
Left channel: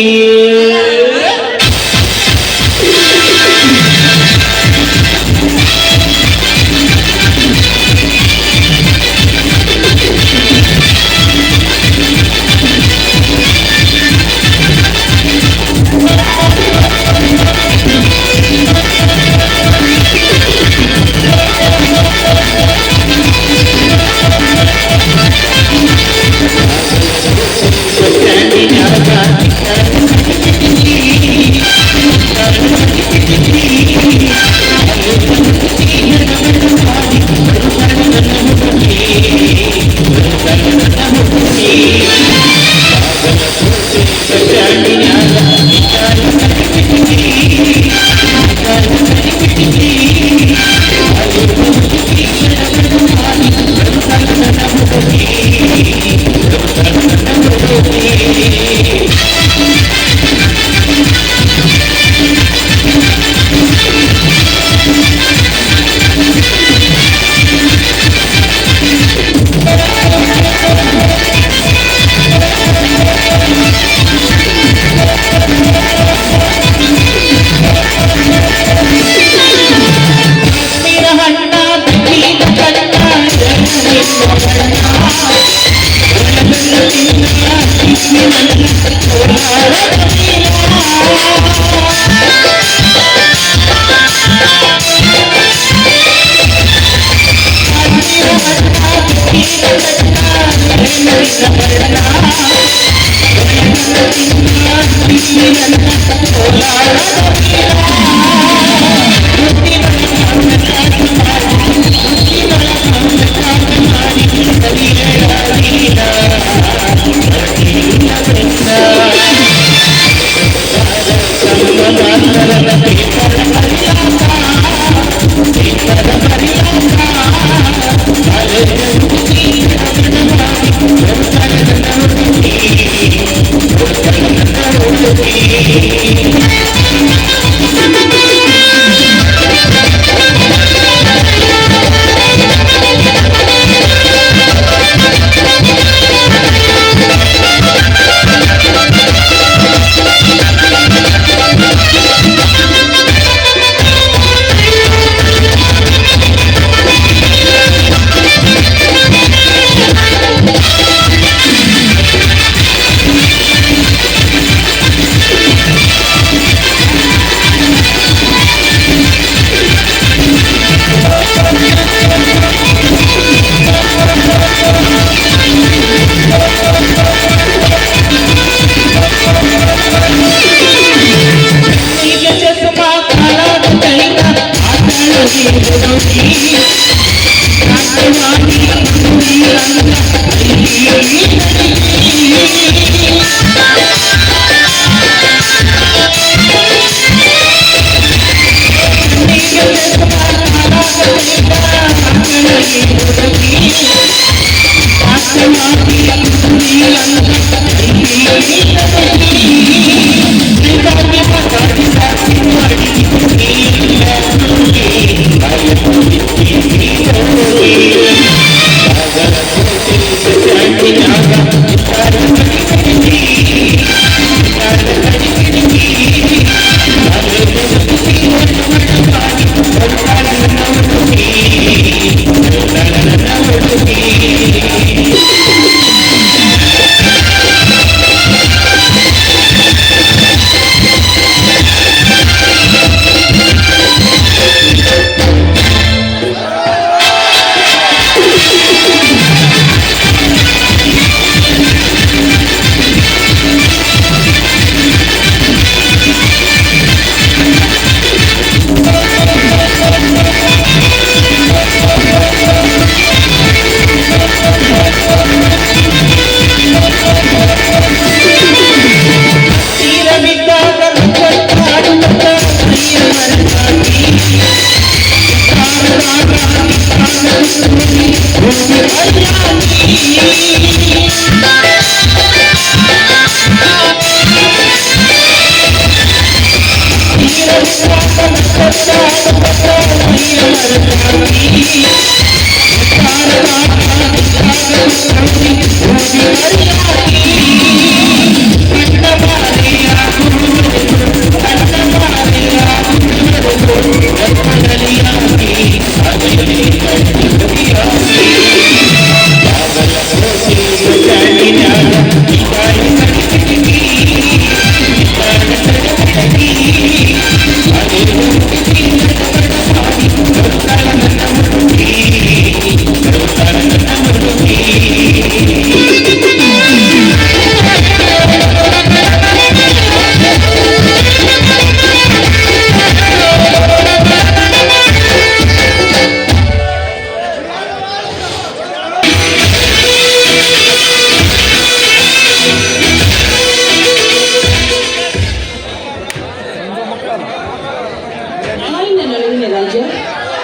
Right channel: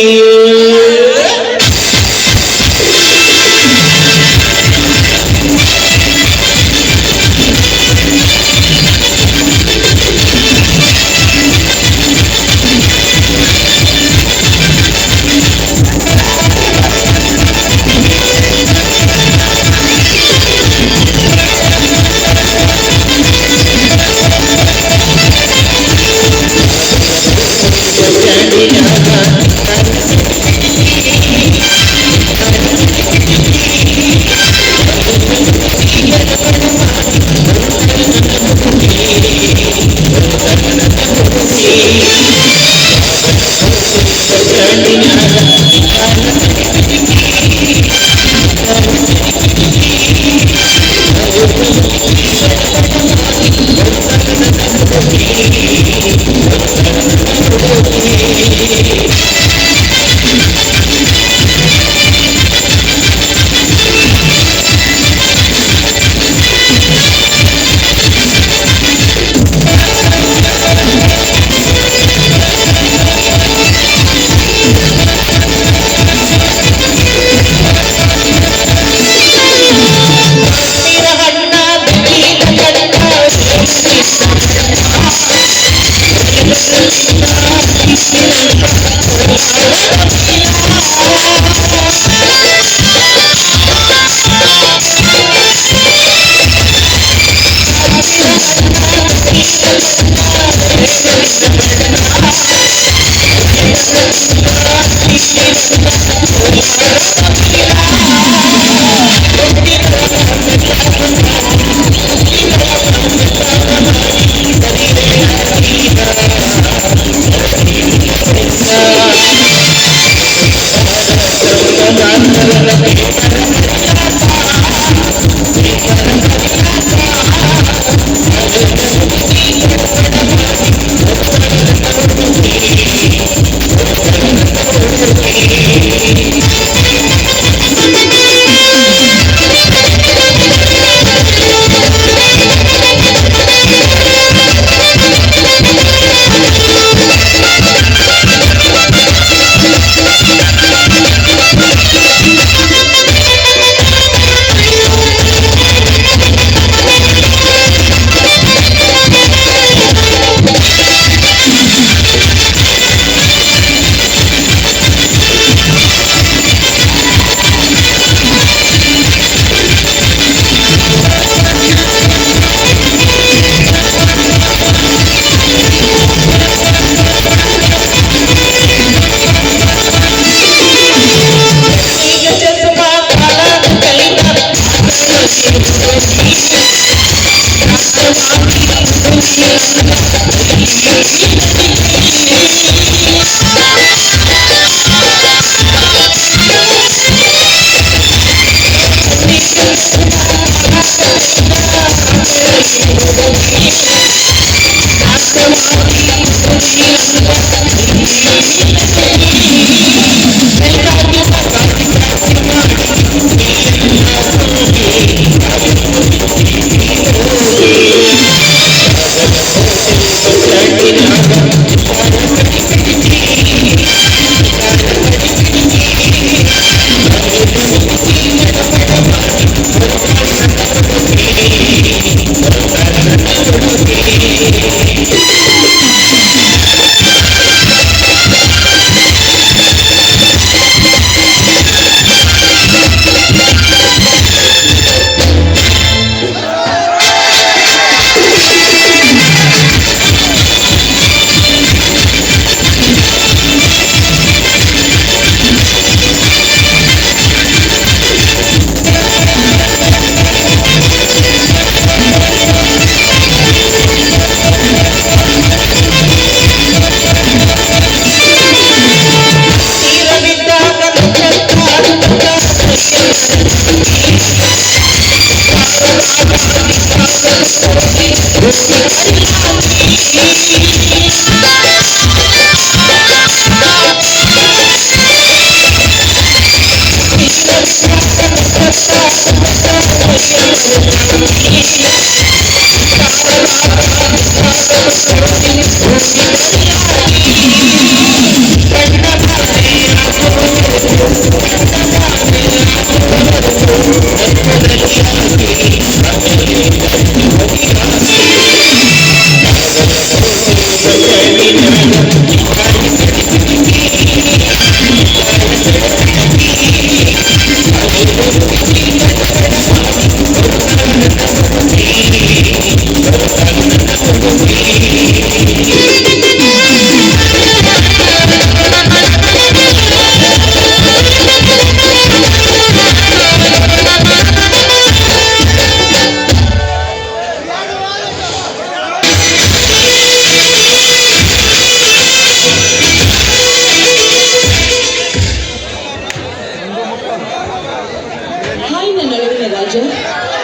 ಹಾಯ್ ನನ್ನ ಅಳವಿನ ರಾಜ,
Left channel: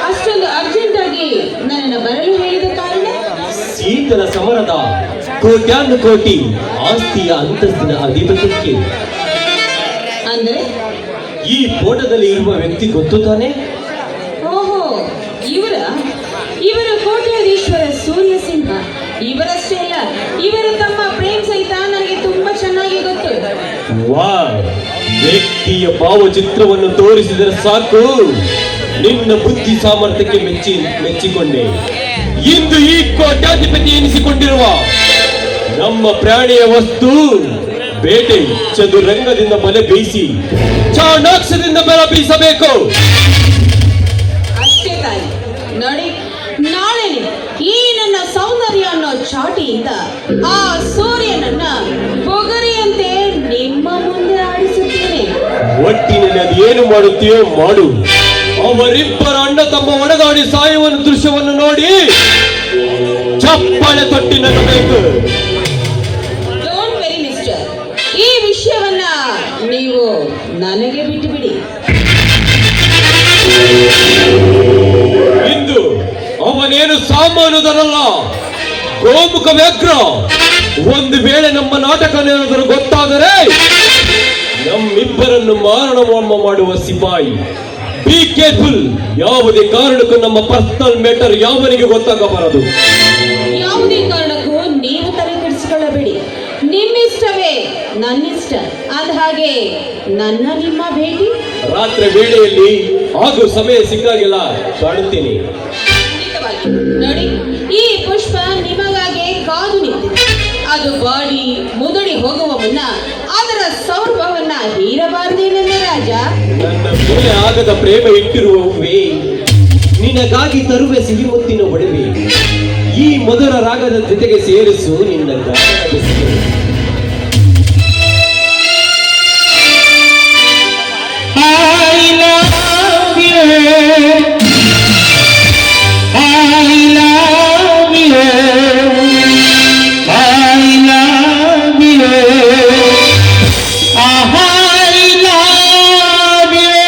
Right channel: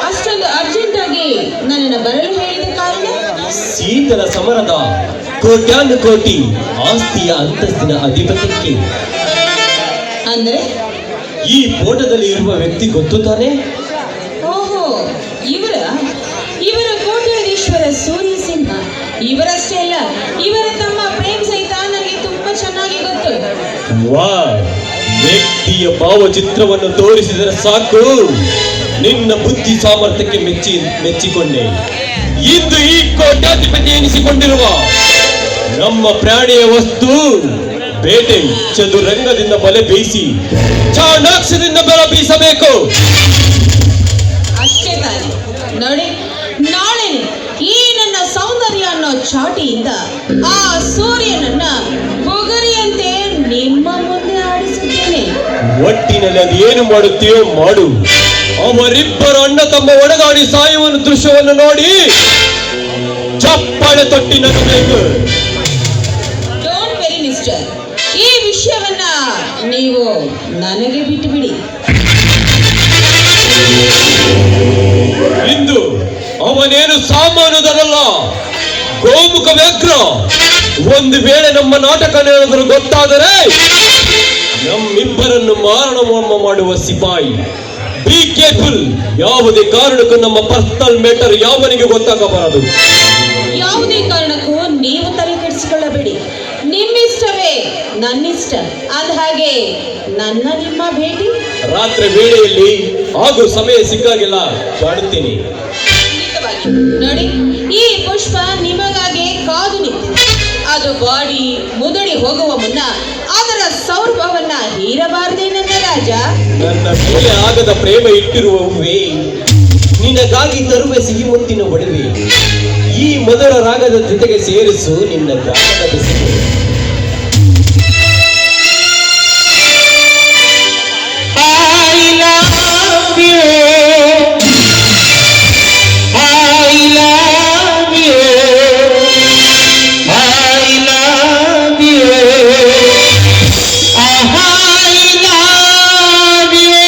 ಅಷ್ಟೊಂದು ಅರ್ಜೆಂಟ್ ಆಗಿ ನನ್ನನ್ನು ಬರಲು ಹೇಳಿದ ಕಾರಣ? ಶೀತಲ ಸಮರದ ಕೋಟ್ಯಾನು ಕೋಟಿ ಆಸ್ತಿಯ ಅಂತಸ್ತಿನ ಅಧಿಪತ್ಯಕ್ಕೆ. ಅಂದ್ರೆ ಈ ಫೋಟೋದಲ್ಲಿ ಇರುವ ವ್ಯಕ್ತಿ ಗೊತ್ತು ತಾನೆ? ಓಹೋ, ಇವರ ಕೋಟ್ಯಾಧೀಶ್ವರ ಸೂರ್ಯ ಸಿಂಹ. ಇವರಷ್ಟೇ ಅಲ್ಲ, ಇವರ ತಮ್ಮ ಪ್ರೇಮ್ ಸಹಿತ ನನಗೆ ತುಂಬಾ ಚೆನ್ನಾಗಿ ಗೊತ್ತು. ವಾ, ವ್ಯಕ್ತಿಯ ಭಾವಚಿತ್ರವನ್ನು ತೋರಿಸಿದರೆ ಸಾಕು, ನಿನ್ನ ಬುದ್ಧಿ ಸಾಮರ್ಥ್ಯಕ್ಕೆ ಮೆಚ್ಚಿಕೊಂಡೆ. ಇಂದು ಈ ಕೋಟ್ಯಾಧಿಪತಿ ಎನಿಸಿಕೊಂಡಿರುವ ನಮ್ಮ ಪ್ರಾಣಿಯ ವಸ್ತು ಬೇಟೆ ಚದುರಂಗದಿಂದ ಬಲೆ ಬೀಸಿ ಚಾಣಾಕ್ಷದಿಂದ ಬಲ ಬೀಸಬೇಕು. ಅಷ್ಟೇ ತಾನೆ. ನೋಡಿ, ನಾಳೆನೆ ಈ ನನ್ನ ಸೌಂದರ್ಯ ಅನ್ನೋ ಚಾಟಿಯಿಂದ ಆ ಸೂರ್ಯನನ್ನ ಪೊಗರಿಯಂತೆ ನಿಮ್ಮ ಮುಂದೆ ಆಡಿಸುತ್ತೇನೆ. ಒಟ್ಟಿನಲ್ಲಿ ಅದು ಏನು ಮಾಡುತ್ತೀಯೋ ಮಾಡು. ಅವರಿಬ್ಬರು ಅಣ್ಣ ತಮ್ಮ ಒಣಗಾಡಿ ಸಾಯುವ ದೃಶ್ಯವನ್ನು ನೋಡಿ ಚಪ್ಪಾಳೆ ತೊಟ್ಟಿ ನಗಬೇಕು. ಡೋಂಟ್ ವೆರಿ ಮಿಸ್ಟರ್, ಈ ವಿಷಯವನ್ನ ನೀವು ನನಗೆ ಬಿಟ್ಟು ಬಿಡಿ. ಇಂದು ಅವನೇನು ಸಾಮಾನ್ಯದಲ್ಲ, ಗೋಮುಖ ವ್ಯಾಘ್ರ. ಒಂದು ವೇಳೆ ನಮ್ಮ ನಾಟಕನೇನಾದರೂ ಗೊತ್ತಾದರೆ ನಮ್ಮಿಬ್ಬರನ್ನು ಮಾರಣಹೋಮ ಮಾಡುವ ಸಿಪಾಯಿ. Be careful. ಯಾವುದೇ ಕಾರಣಕ್ಕೂ ನಮ್ಮ ಪರ್ಸನಲ್ ಮ್ಯಾಟರ್ ಯಾವನಿಗೆ ಗೊತ್ತಾಗಬಾರದು. ಯಾವುದೇ ಕಾರಣಕ್ಕೂ ನೀವು ತಲೆ ಕೆಡಿಸಿಕೊಳ್ಳಬೇಡಿ. ನಿಮ್ಮಿಷ್ಟವೇ ನನ್ನಿಷ್ಟ. ಹಾಗೆ ನನ್ನ ನಿಮ್ಮ ಭೇಟಿ ರಾತ್ರಿ ವೇಳೆಯಲ್ಲಿ ಹಾಗೂ ಸಮಯ ಸಿಕ್ಕಾಗೆಲ್ಲ ಕಾಡುತ್ತೇನೆ. ಖಂಡಿತವಾಗಿ. ನೋಡಿ, ಈ ಪುಷ್ಪ ನಿಮಗಾಗಿ ಕಾದು ನಿಂತಿದೆ. ಅದು ಬಾಡಿ ಮುದಡಿ ಹೋಗುವ ಮುನ್ನ ಅದರ ಸೌರಭವನ್ನ ಹೀರಬಾರದೇ ನನ್ನ ರಾಜ. ನನ್ನ ಕೊಲೆ ಆಗದ ಪ್ರೇಮ ಇಟ್ಟಿರುವವೇ, ನಿನಗಾಗಿ ತರುವೆ ಸಿಹಿ ಮುತ್ತಿನ ಒಡವೆ. ಈ ಮಧುರ ರಾಗದ ಜೊತೆಗೆ ಸೇರಿಸು ನಿನ್ನ ಗಾಯನದ ಸಿಹಿ. I love you. I love you. I love you. I love you.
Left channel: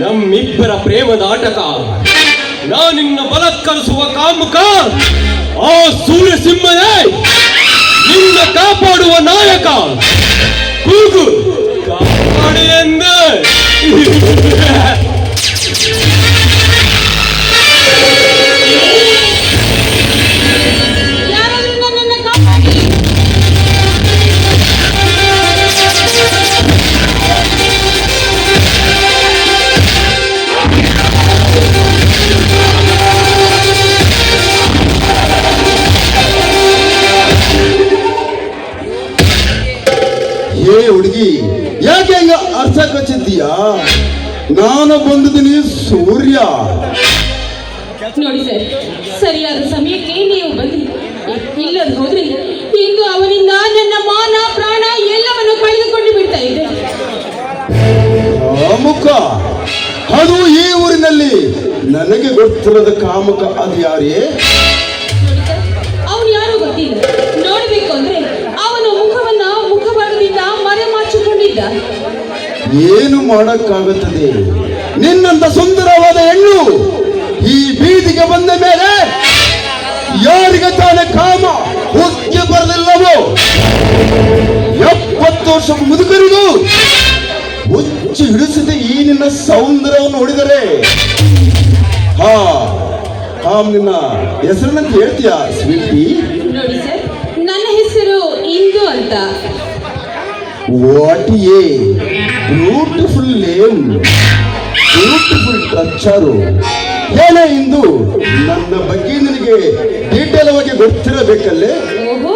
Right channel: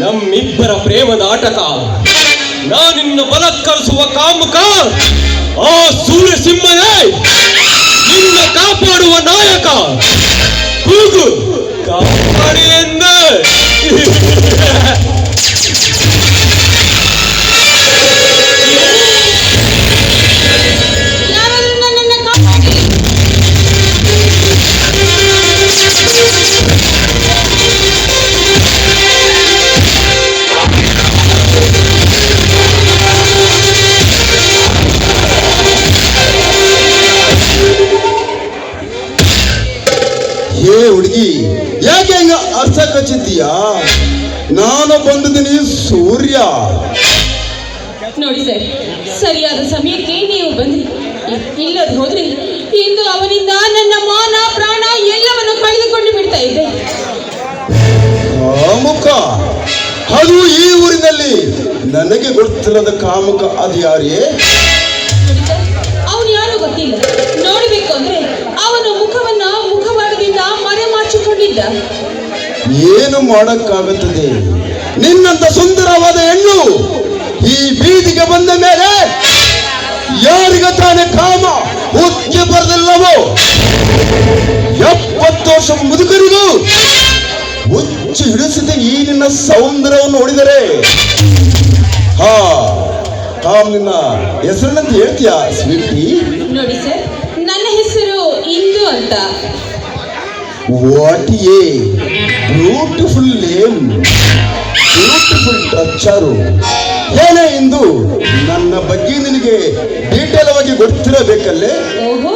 ನಮ್ಮಿಬ್ಬರ ಪ್ರೇಮದ ಆಟಕ ನಾನಿನ್ನ ಬಲತ್ಕರಿಸುವ ಕಾಮುಕ ಆ ಸೂರ್ಯಸಿಂಹನೇ ನಿನ್ನ ಕಾಪಾಡುವ ನಾಯಕ ಕೂಗು ಕಾಪಾಡಿ ಎಂದ ಏ ಹುಡುಗಿ ಯಾಕೆ ಹಿಂಗ ಅರ್ಥ ಕಚ್ಚಿದ್ದೀಯಾ? ನಾನು ಬಂದಿದ್ದೀನಿ ಸೂರ್ಯ. ನೋಡಿ ಸರ್, ಸರಿಯಾದ ಸಮಯಕ್ಕೆ ನೀವು ಬಂದ್ರಿ. ಇಲ್ಲದ ಹೋದ್ರೆ ಇಂದು ಅವನಿಂದ ನನ್ನ ಮಾನ ಪ್ರಾಣ ಎಲ್ಲವನ್ನು ಕಳೆದುಕೊಂಡು ಬಿಡ್ತಾ ಇದ್ದೆ. ಮುಖ ಅದು ಈ ಊರಿನಲ್ಲಿ ನನಗೆ ಗೊತ್ತಿರದ ಕಾಮಕ ಅದು ಯಾರೇ? ಅವನು ಯಾರು ಗೊತ್ತಿಲ್ಲ. ನೋಡಬೇಕು ಅಂದ್ರೆ ಅವನ ಮುಖವನ್ನ ಮುಖವಾಡದಿಂದ ಮರೆಮಾಚಿಕೊಂಡಿದ್ದ. ಏನು ಮಾಡಕ್ಕಾಗುತ್ತದೆ? ನಿನ್ನಂತ ಸುಂದರವಾದ ಹೆಣ್ಣು ಈ ಬೀದಿಗೆ ಬಂದ ಮೇಲೆ ಯಾರಿಗೆ ತಾನೇ ಕಾಮ ಹುಚ್ಚೆ ಬರಲಿಲ್ಲವೋ? 70 ವರ್ಷ ಮುದುಕರಿಗೂ ಹುಚ್ಚು ಹಿಡಿಸಿದೆ ಈ ನಿನ್ನ ಸೌಂದರ್ಯವನ್ನು ನೋಡಿದರೆ. ಹಾ ನಿನ್ನ ಹೆಸರನ್ನಂತ ಹೇಳ್ತೀಯಾ ಸ್ವೀಟಿ? ನೋಡಿ ಸರ್, ನನ್ನ ಹೆಸರು ಇಂದು ಅಂತ. What a beautiful name, beautiful ಟಚ್ಚರು. ಏನೇ ಇಂದು ನನ್ನ ಬಗ್ಗೆ ನಿನಗೆ ಡೀಟೇಲ್ ಆಗಿ ಗೊತ್ತಿರಬೇಕಲ್ಲೇ? ಓಹೋ,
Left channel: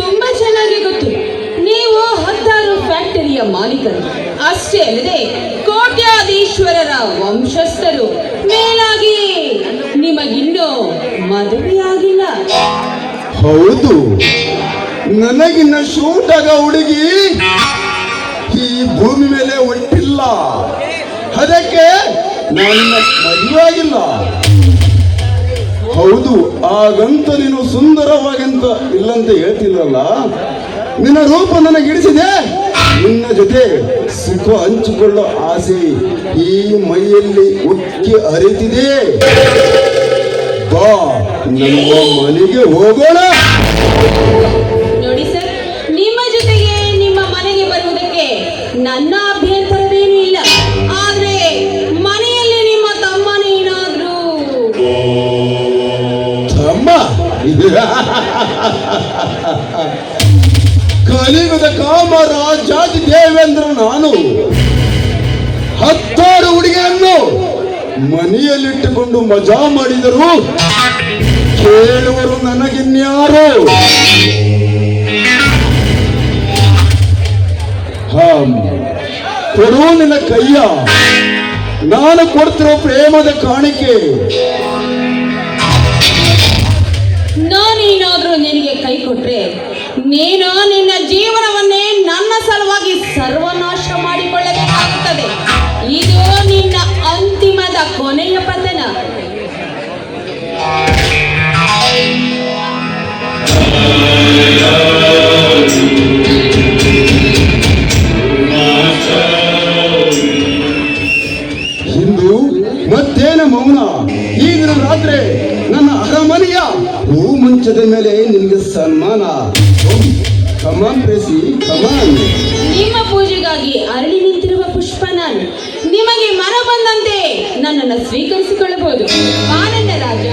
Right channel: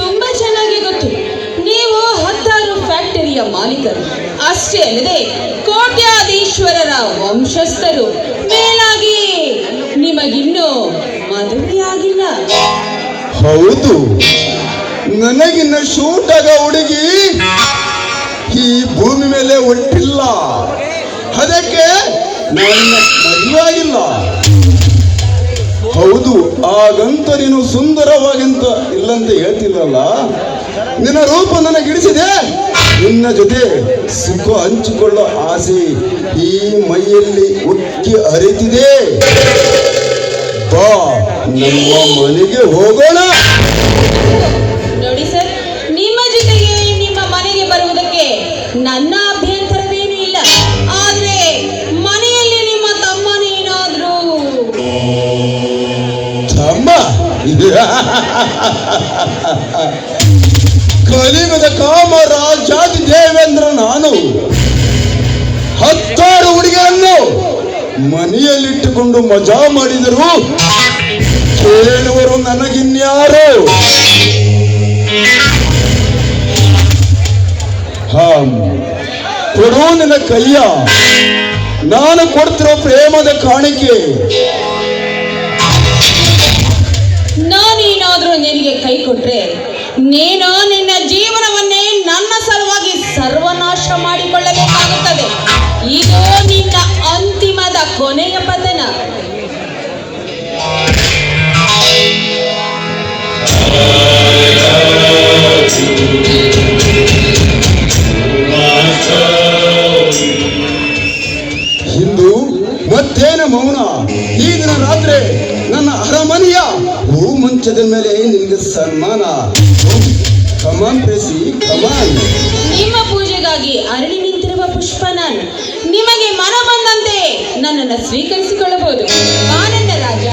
ತುಂಬಾ ಚೆನ್ನಾಗಿ ಗೊತ್ತು. ನೀವು 10 ಫ್ಯಾಕ್ಟರಿಯ ಮಾಲೀಕರು. ಅಷ್ಟೇ ಅಲ್ಲದೆ ಕೋಟ್ಯಾಧೀಶ್ವರರ ವಂಶಸ್ಥರು. ಮೇಲಾಗಿ ನಿಮಗಿನ್ನೂ ಮದುವೆಯಾಗಿಲ್ಲ. ಹೌದು, ನನಗಿನ್ನ ಶೂಟ್ ಆಗ ಹುಡುಗಿ ಈ ಭೂಮಿ ಮೇಲೆ ಹೊಂಟಿಲ್ಲ. ಅದಕ್ಕೆ ನನ್ನ ಮದುವೆಯಾಗಿಲ್ಲ. ಹೌದು, ಹಾಗಂತ ನೀನು ಸುಂದರವಾಗಂತ ಇಲ್ಲಂತ ಹೇಳ್ತಿಲ್ಲಲ್ಲ. ನಿನ್ನ ರೂಪ ನನಗಿಡಿಸಿದೆ. ನಿನ್ನ ಜೊತೆ ಸುಖ ಹಂಚಿಕೊಳ್ಳೋ ಆಸೆ ಈ ಮೈಯಲ್ಲಿ ಉಕ್ಕಿ ಹರಿತಿದೆ. ಬಾ, ನಮ್ಮ ಮನೆಗೆ ಹೋಗೋಣ. ನೋಡಿ ಸರ್, ನಿಮ್ಮ ಜೊತೆಗೆ ನಿಮ್ಮ ಮನೆಗೆ ಬರುವುದಕ್ಕೆ ನನ್ನ ಅಭ್ಯಂತರವೇನೂ ಇಲ್ಲ. ಆದ್ರೆ ಮನೆಯಲ್ಲಿ ನಿಮ್ಮ ತಮ್ಮನೇನಾದ್ರೂ ತಮ್ಮ ಕಲಿಯುಗದ ಕಾಮ ರಾಜಾದಿ ದೇವೇಂದ್ರ ನಾನು 10 ಹುಡುಗಿಯನ್ನು ಮನೆಯಲ್ಲಿಟ್ಟುಕೊಂಡು ಮಜಾ ಮಾಡಿದರು. ಕೇಳುವರು ನನಗಿನ್ಯಾರು? ಕೊಡು ನಿನ್ನ ಕೈಯ, ನಾನು ಕೊಡ್ತಿರೋ ಪ್ರೇಮದ ಕಾಣಿಕೆ. ನಾನೇನಾದ್ರೂ ನಿನಗೆ ಕೈ ಕೊಟ್ರೆ ನೀನು ನಿನ್ನ ಜೀವನವನ್ನೇ ನನ್ನ ಸಲುವಾಗಿ ಸರ್ವನಾಶ ಮಾಡಿಕೊಳ್ಳಬೇಕಾಗುತ್ತದೆ. ಇದು ನಿನ್ನ ಅಂತಿಮದ ಕೊನೆಯ ಪತನ. ಇಂದು ಮತ್ತೇನು ಮೌನ? ಈ ದಿನ ರಾತ್ರಿ ನನ್ನ ಅರಮನೆಯ ಹೂ ಮಂಚದ ಮೇಲೆ ನಿನಗೆ ಸನ್ಮಾನ. ಕಮಾನ್ ಪ್ರೇಸಿ, ಕಮಾನ್. ನಿಮ್ಮ ಪೂಜೆಗಾಗಿ ಅರಳಿ ನಿಂತಿರುವ ಪುಷ್ಪ ನಾನು. ನಿಮಗೆ ಮನ ಬಂದಂತೆ ನನ್ನನ್ನು ಸ್ವೀಕರಿಸಿಕೊಳ್ಳಬಹುದು. ಆನಂದ ರಾಜ.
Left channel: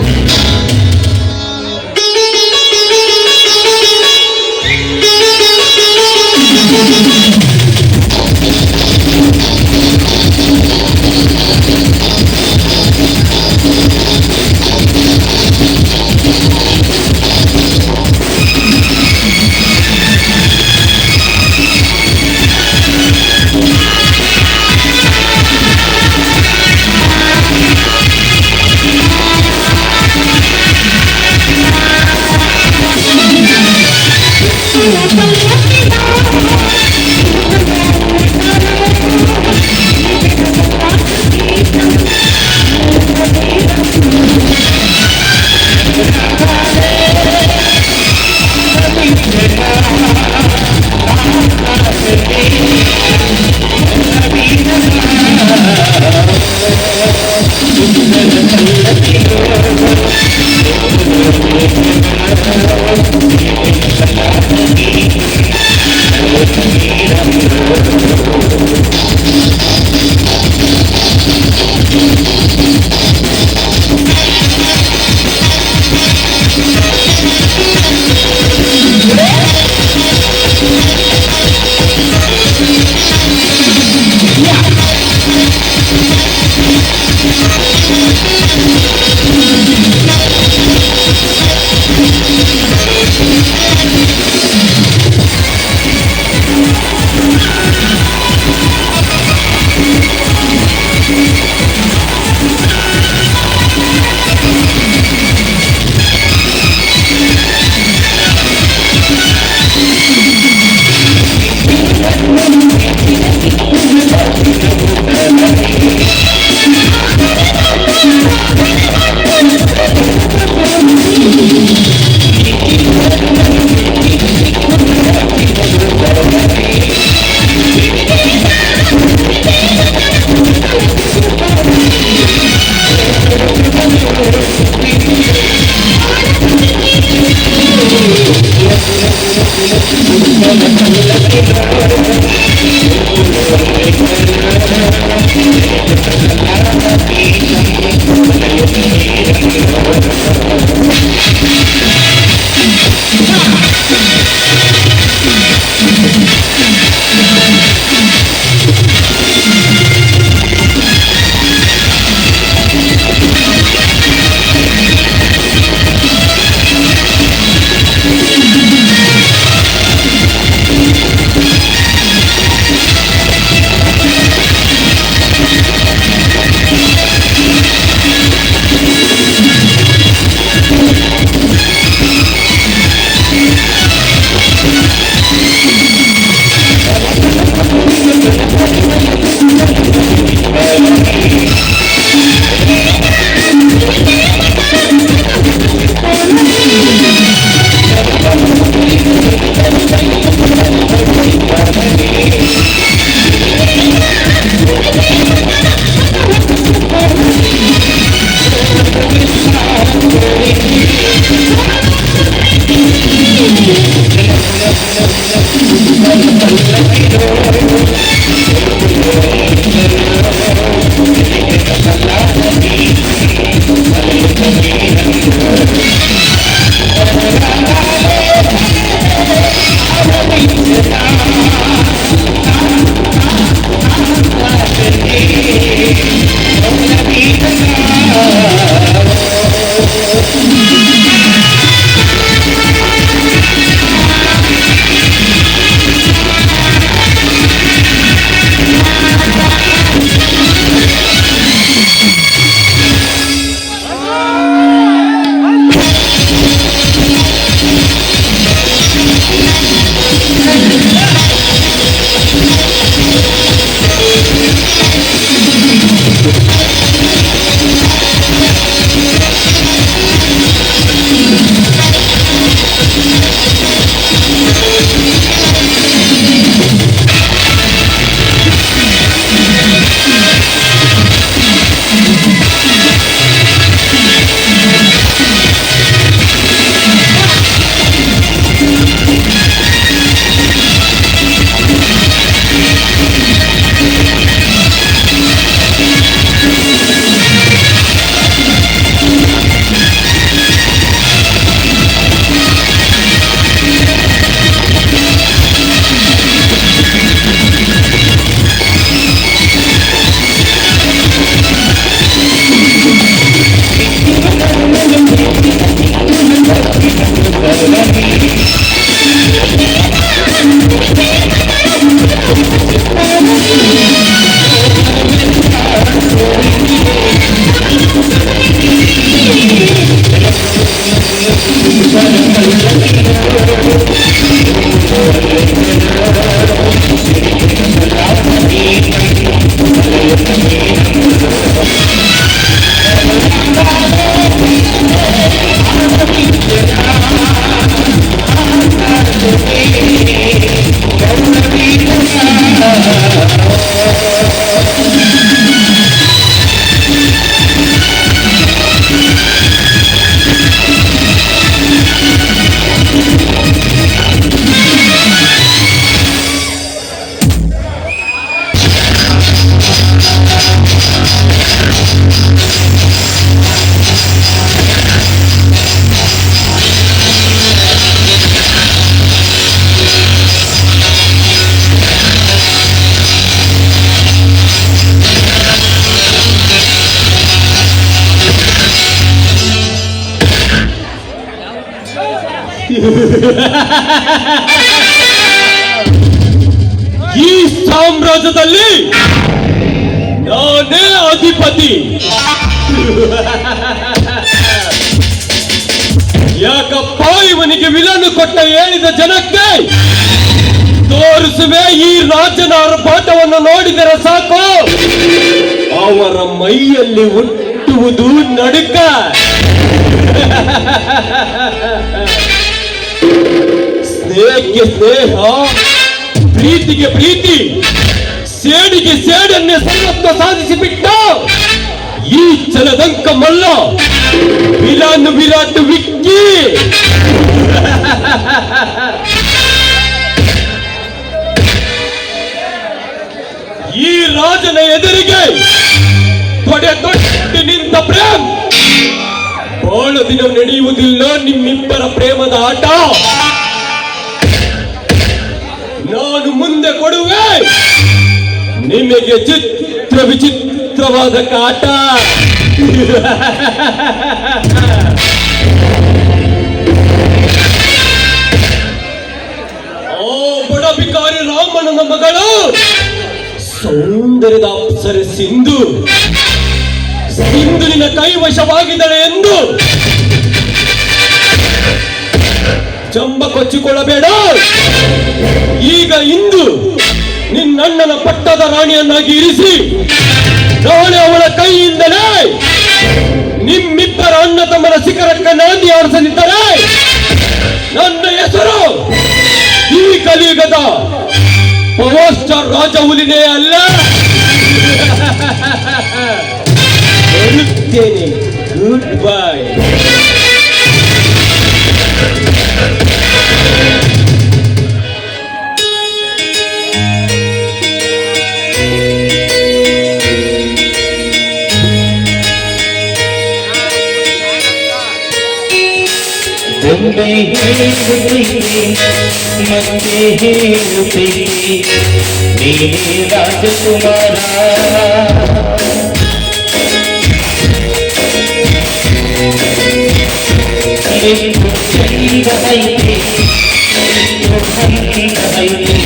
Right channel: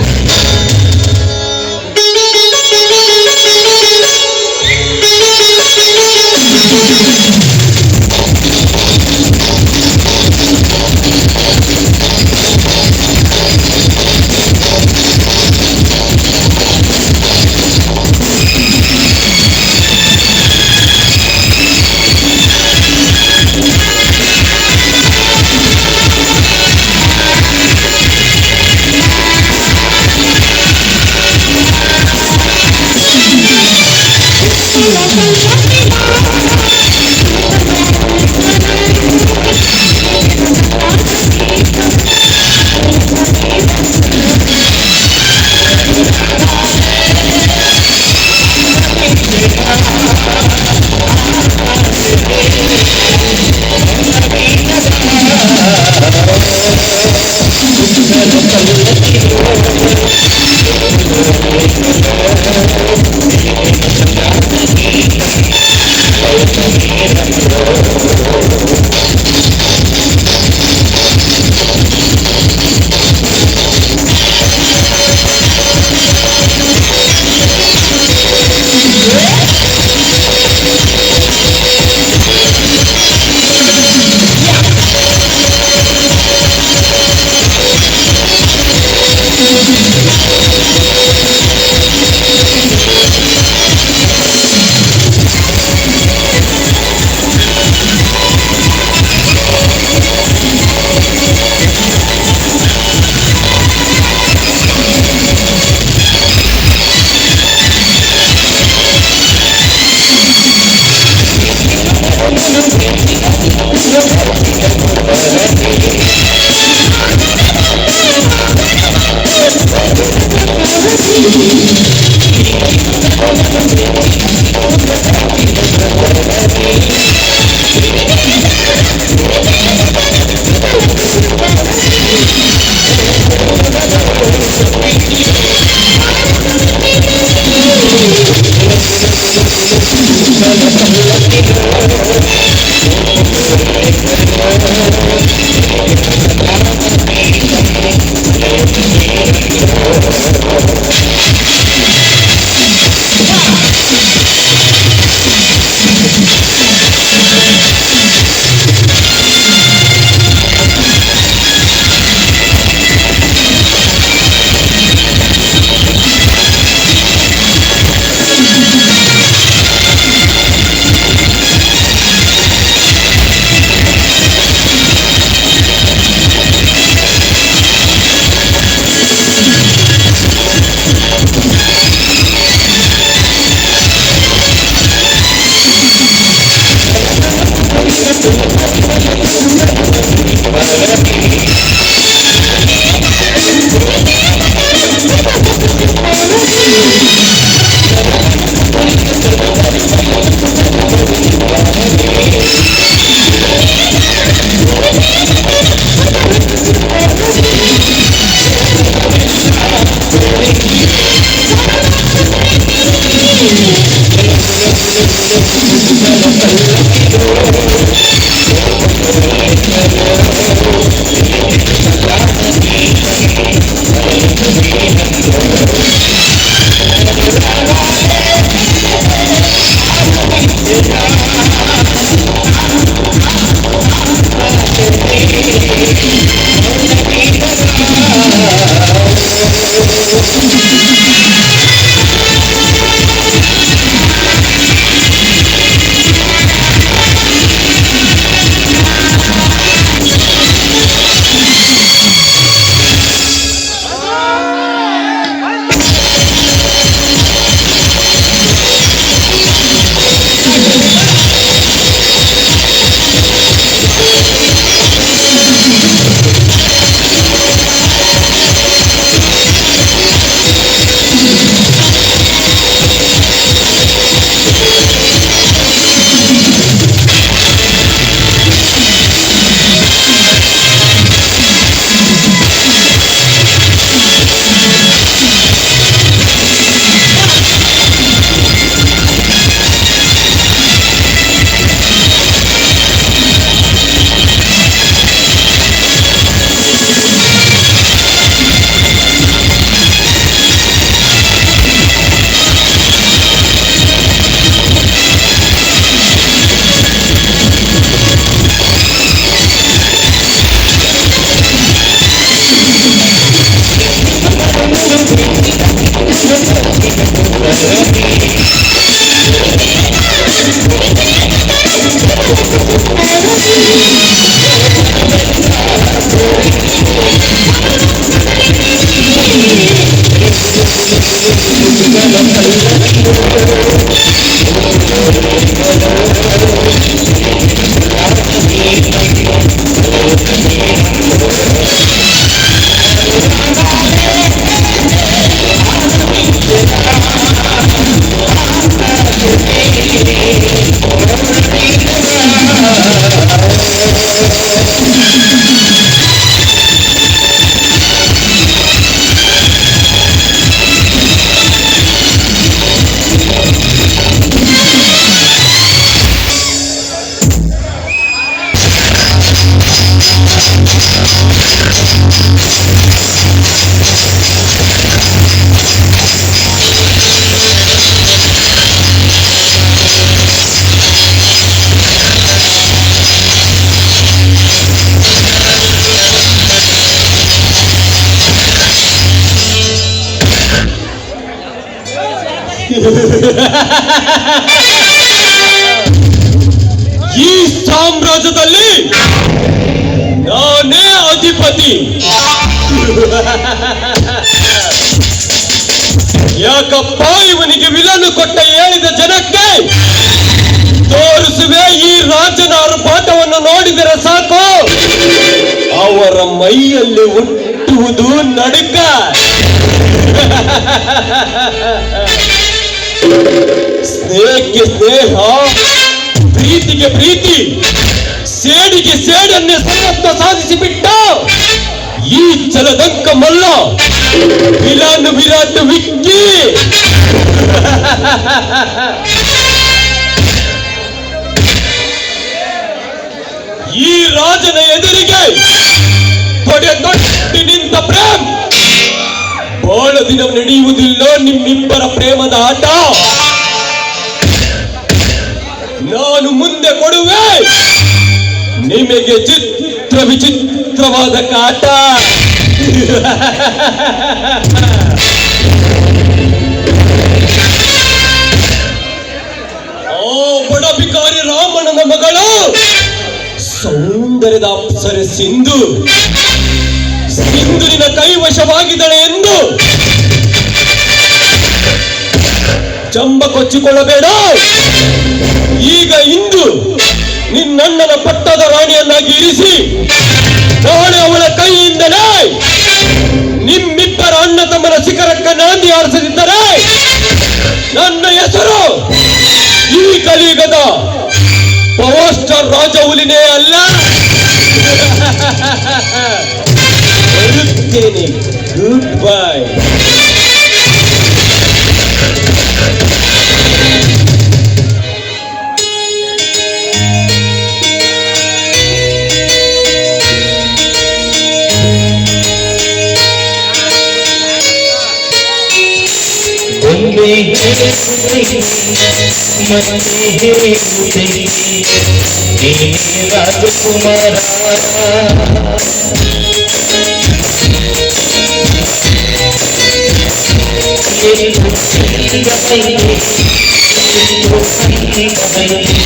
ಈ ಸಾಮ್ರಾಜ್ಯದಲ್ಲಿ ನಾನೇ ಅಧಿಪತಿ. ಯಾಕಪ್ಪ ಇವನಿಗೆ ವಿಲನ್ನು ಕೊಟ್ಟ ಹೇಳಿದ ಜನಕ್ಕೆ ತೋರಿಸುವೆ ಈ ರಾಜನ ಆರ್ಭಟವನ್ನು ನೋಡಿದರೆ ಸಾಕು, ಅವರ ಮೈಯಲ್ಲಿ ಹುಟ್ಟುವುದು ನಡುಕ. ಸ್ನೇಹಕ್ಕೆ ಸ್ನೇಹ, ಪ್ರೀತಿಗೆ ಪ್ರೀತಿ, ಸೇಡಿಗೆ ಸೇಡನ್ನೇ ಸರ್ವತ್ವ ಸಾಧಿಸಿ ಬಿಟ್ಟ ಈ ಜಲದಂಕ ಮಲ್ಲ ವಿಲಾನ್ ವಿರಾಟ್ ವಿಕ್ಕಿ. ಈ ರಾಜನ ಎದುರಿಗೆ ತೊಡೆ ನಿಂತ ಪ್ರೇಮ್ ಬಹಳ ದಿನ ನಡೆಯುವುದಿಲ್ಲ. ನಿಮ್ಮಿಬ್ಬರ ಪ್ರೇಮದ ಆಟ ನಾನು ಮುಂದೆ ಕೊಡುವೆ ನಿಮಗೆ ಚಿತ್ರ ವಿಚಿತ್ರವಾದ ಕಾಟ. ಓ ಬಡ ಬಿಕಾರಿ ರಾಮಣ್ಣನ ಮಗಳು ಸೌಂದರ್ಯದ ಅಪ್ಸರೆ ಸಿಂಧು ಸಿಂಧುವಿನ ಕೈವಶವಾಗಿದ್ದಾಳೆ ಎಂದು ಚಂಬ ಕೊಚ್ಚಿಕೊಳ್ಳಬೇಡ. ಈಗ ಇಂದು ನಿನ್ನಣ್ಣನ ಪಟ್ಟದ ರಾಣಿಯನ್ನಾಗಿ ಇರಿಸಿ ನಾಳೆ ಅವಳ ಕೈಯಿಂದಲೇ ನಿಮ್ಮಿಬ್ಬರ ಅಣ್ಣ ತಮ್ಮನ ಶಿಖರಕ್ಕೆ ನಾಂದಿ ಆರಿಸದಿದ್ದರೆ ನನ್ನ ಹೆಸರು ಈ ಕಲಿಯುಗದ ಪವರ್ ಸ್ಟಾರ್ ರಾಜ ಹುಲಿನೇ ಅಲ್ಲ. ಬರುತ್ತೇನೆ. Good bye. ಒಮ್ಮೆ ಹೇಳುತ್ತೇನೆ ಮತ್ತೆ ಹೇಳುತ್ತೇನೆ ನೀನೇ ರಾಜಕುಮಾರ. ಎಂದು ಚಂದ ಐತೆ, ಎಂದು ಸಂಗೀತ ಐತೆ.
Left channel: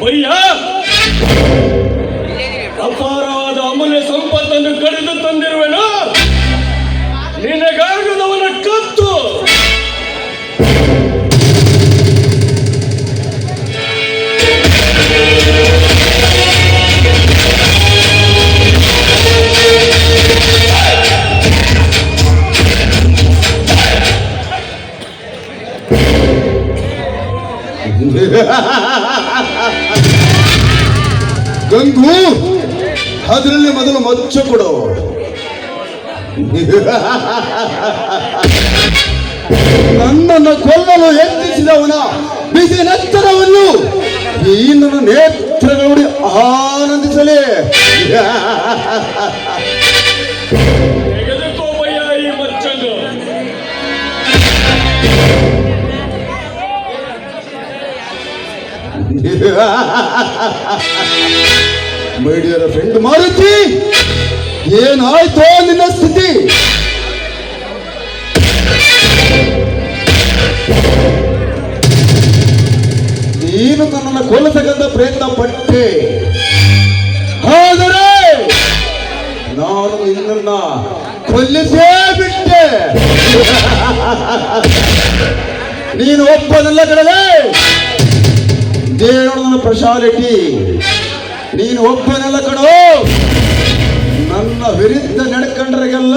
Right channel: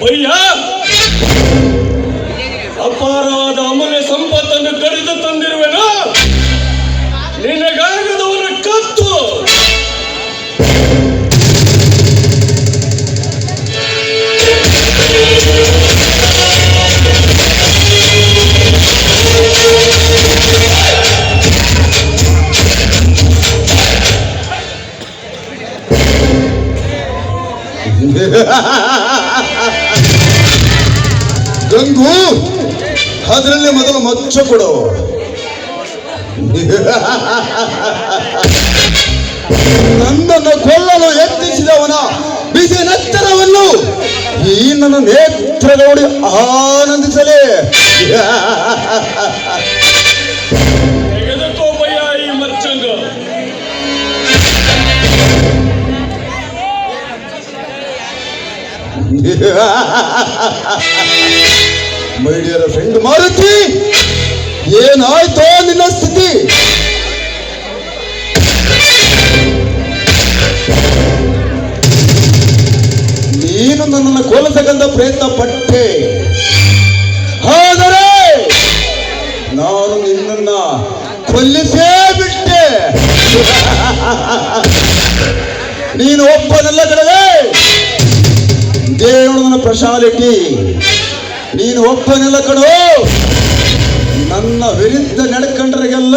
ಭಯ್ಯ, ಅಪಾರವಾದ ಅಮೂಲ್ಯ ಸಂಪತ್ತನ್ನು ಕರೆದು ತಂದಿರುವೆನು. ನಿನಗಾಗದವನ ಕತ್ತು. ಗಂಗು, ಅದರಲ್ಲಿ ಮೊದಲು ಮಚ್ಚ ಕೊಡು. ನನ್ನನ್ನು ಕೊಲ್ಲಲು ಯತ್ನಿಸಿದವನ ಬಿಸಿ ನೆತ್ತರವನ್ನು ಈ ನನ್ನ ನೇತ್ರ ನೋಡಿ ಆನಂದಿಸಲೇ. ಎದಕ್ಕೋ ಭಯ್ಯ ಈ ಮಚ್ಚಂದು. ಮೈ ಡಿಯರ್ ಫ್ರೆಂಡ್ ಮಾರುತಿ, ಏನಾಯ್ತೋ ನಿನ್ನ ಸ್ಥಿತಿ? ನೀನು ನನ್ನನ್ನು ಕೊಲ್ಲಬೇಕಂತ ಪ್ರಯತ್ನ ಪಟ್ಟೆ, ಆದರೆ ನಾನು ನಿನ್ನನ್ನ ಕೊಲ್ಲಿಸೇ ಬಿಟ್ಟೆ. ನೀನು ಒಪ್ಪದಲ್ಲ ಕಣವೇ, ದೇವನ ಸ್ಪೆಷಾಲಿಟಿ. ನೀನು ಒಬ್ಬನೆಲ್ಲ ಕಣೋ, ನನ್ನ ವಿರುದ್ಧ ನಡ್ಕೊಂಡ್ರಿಗೆಲ್ಲ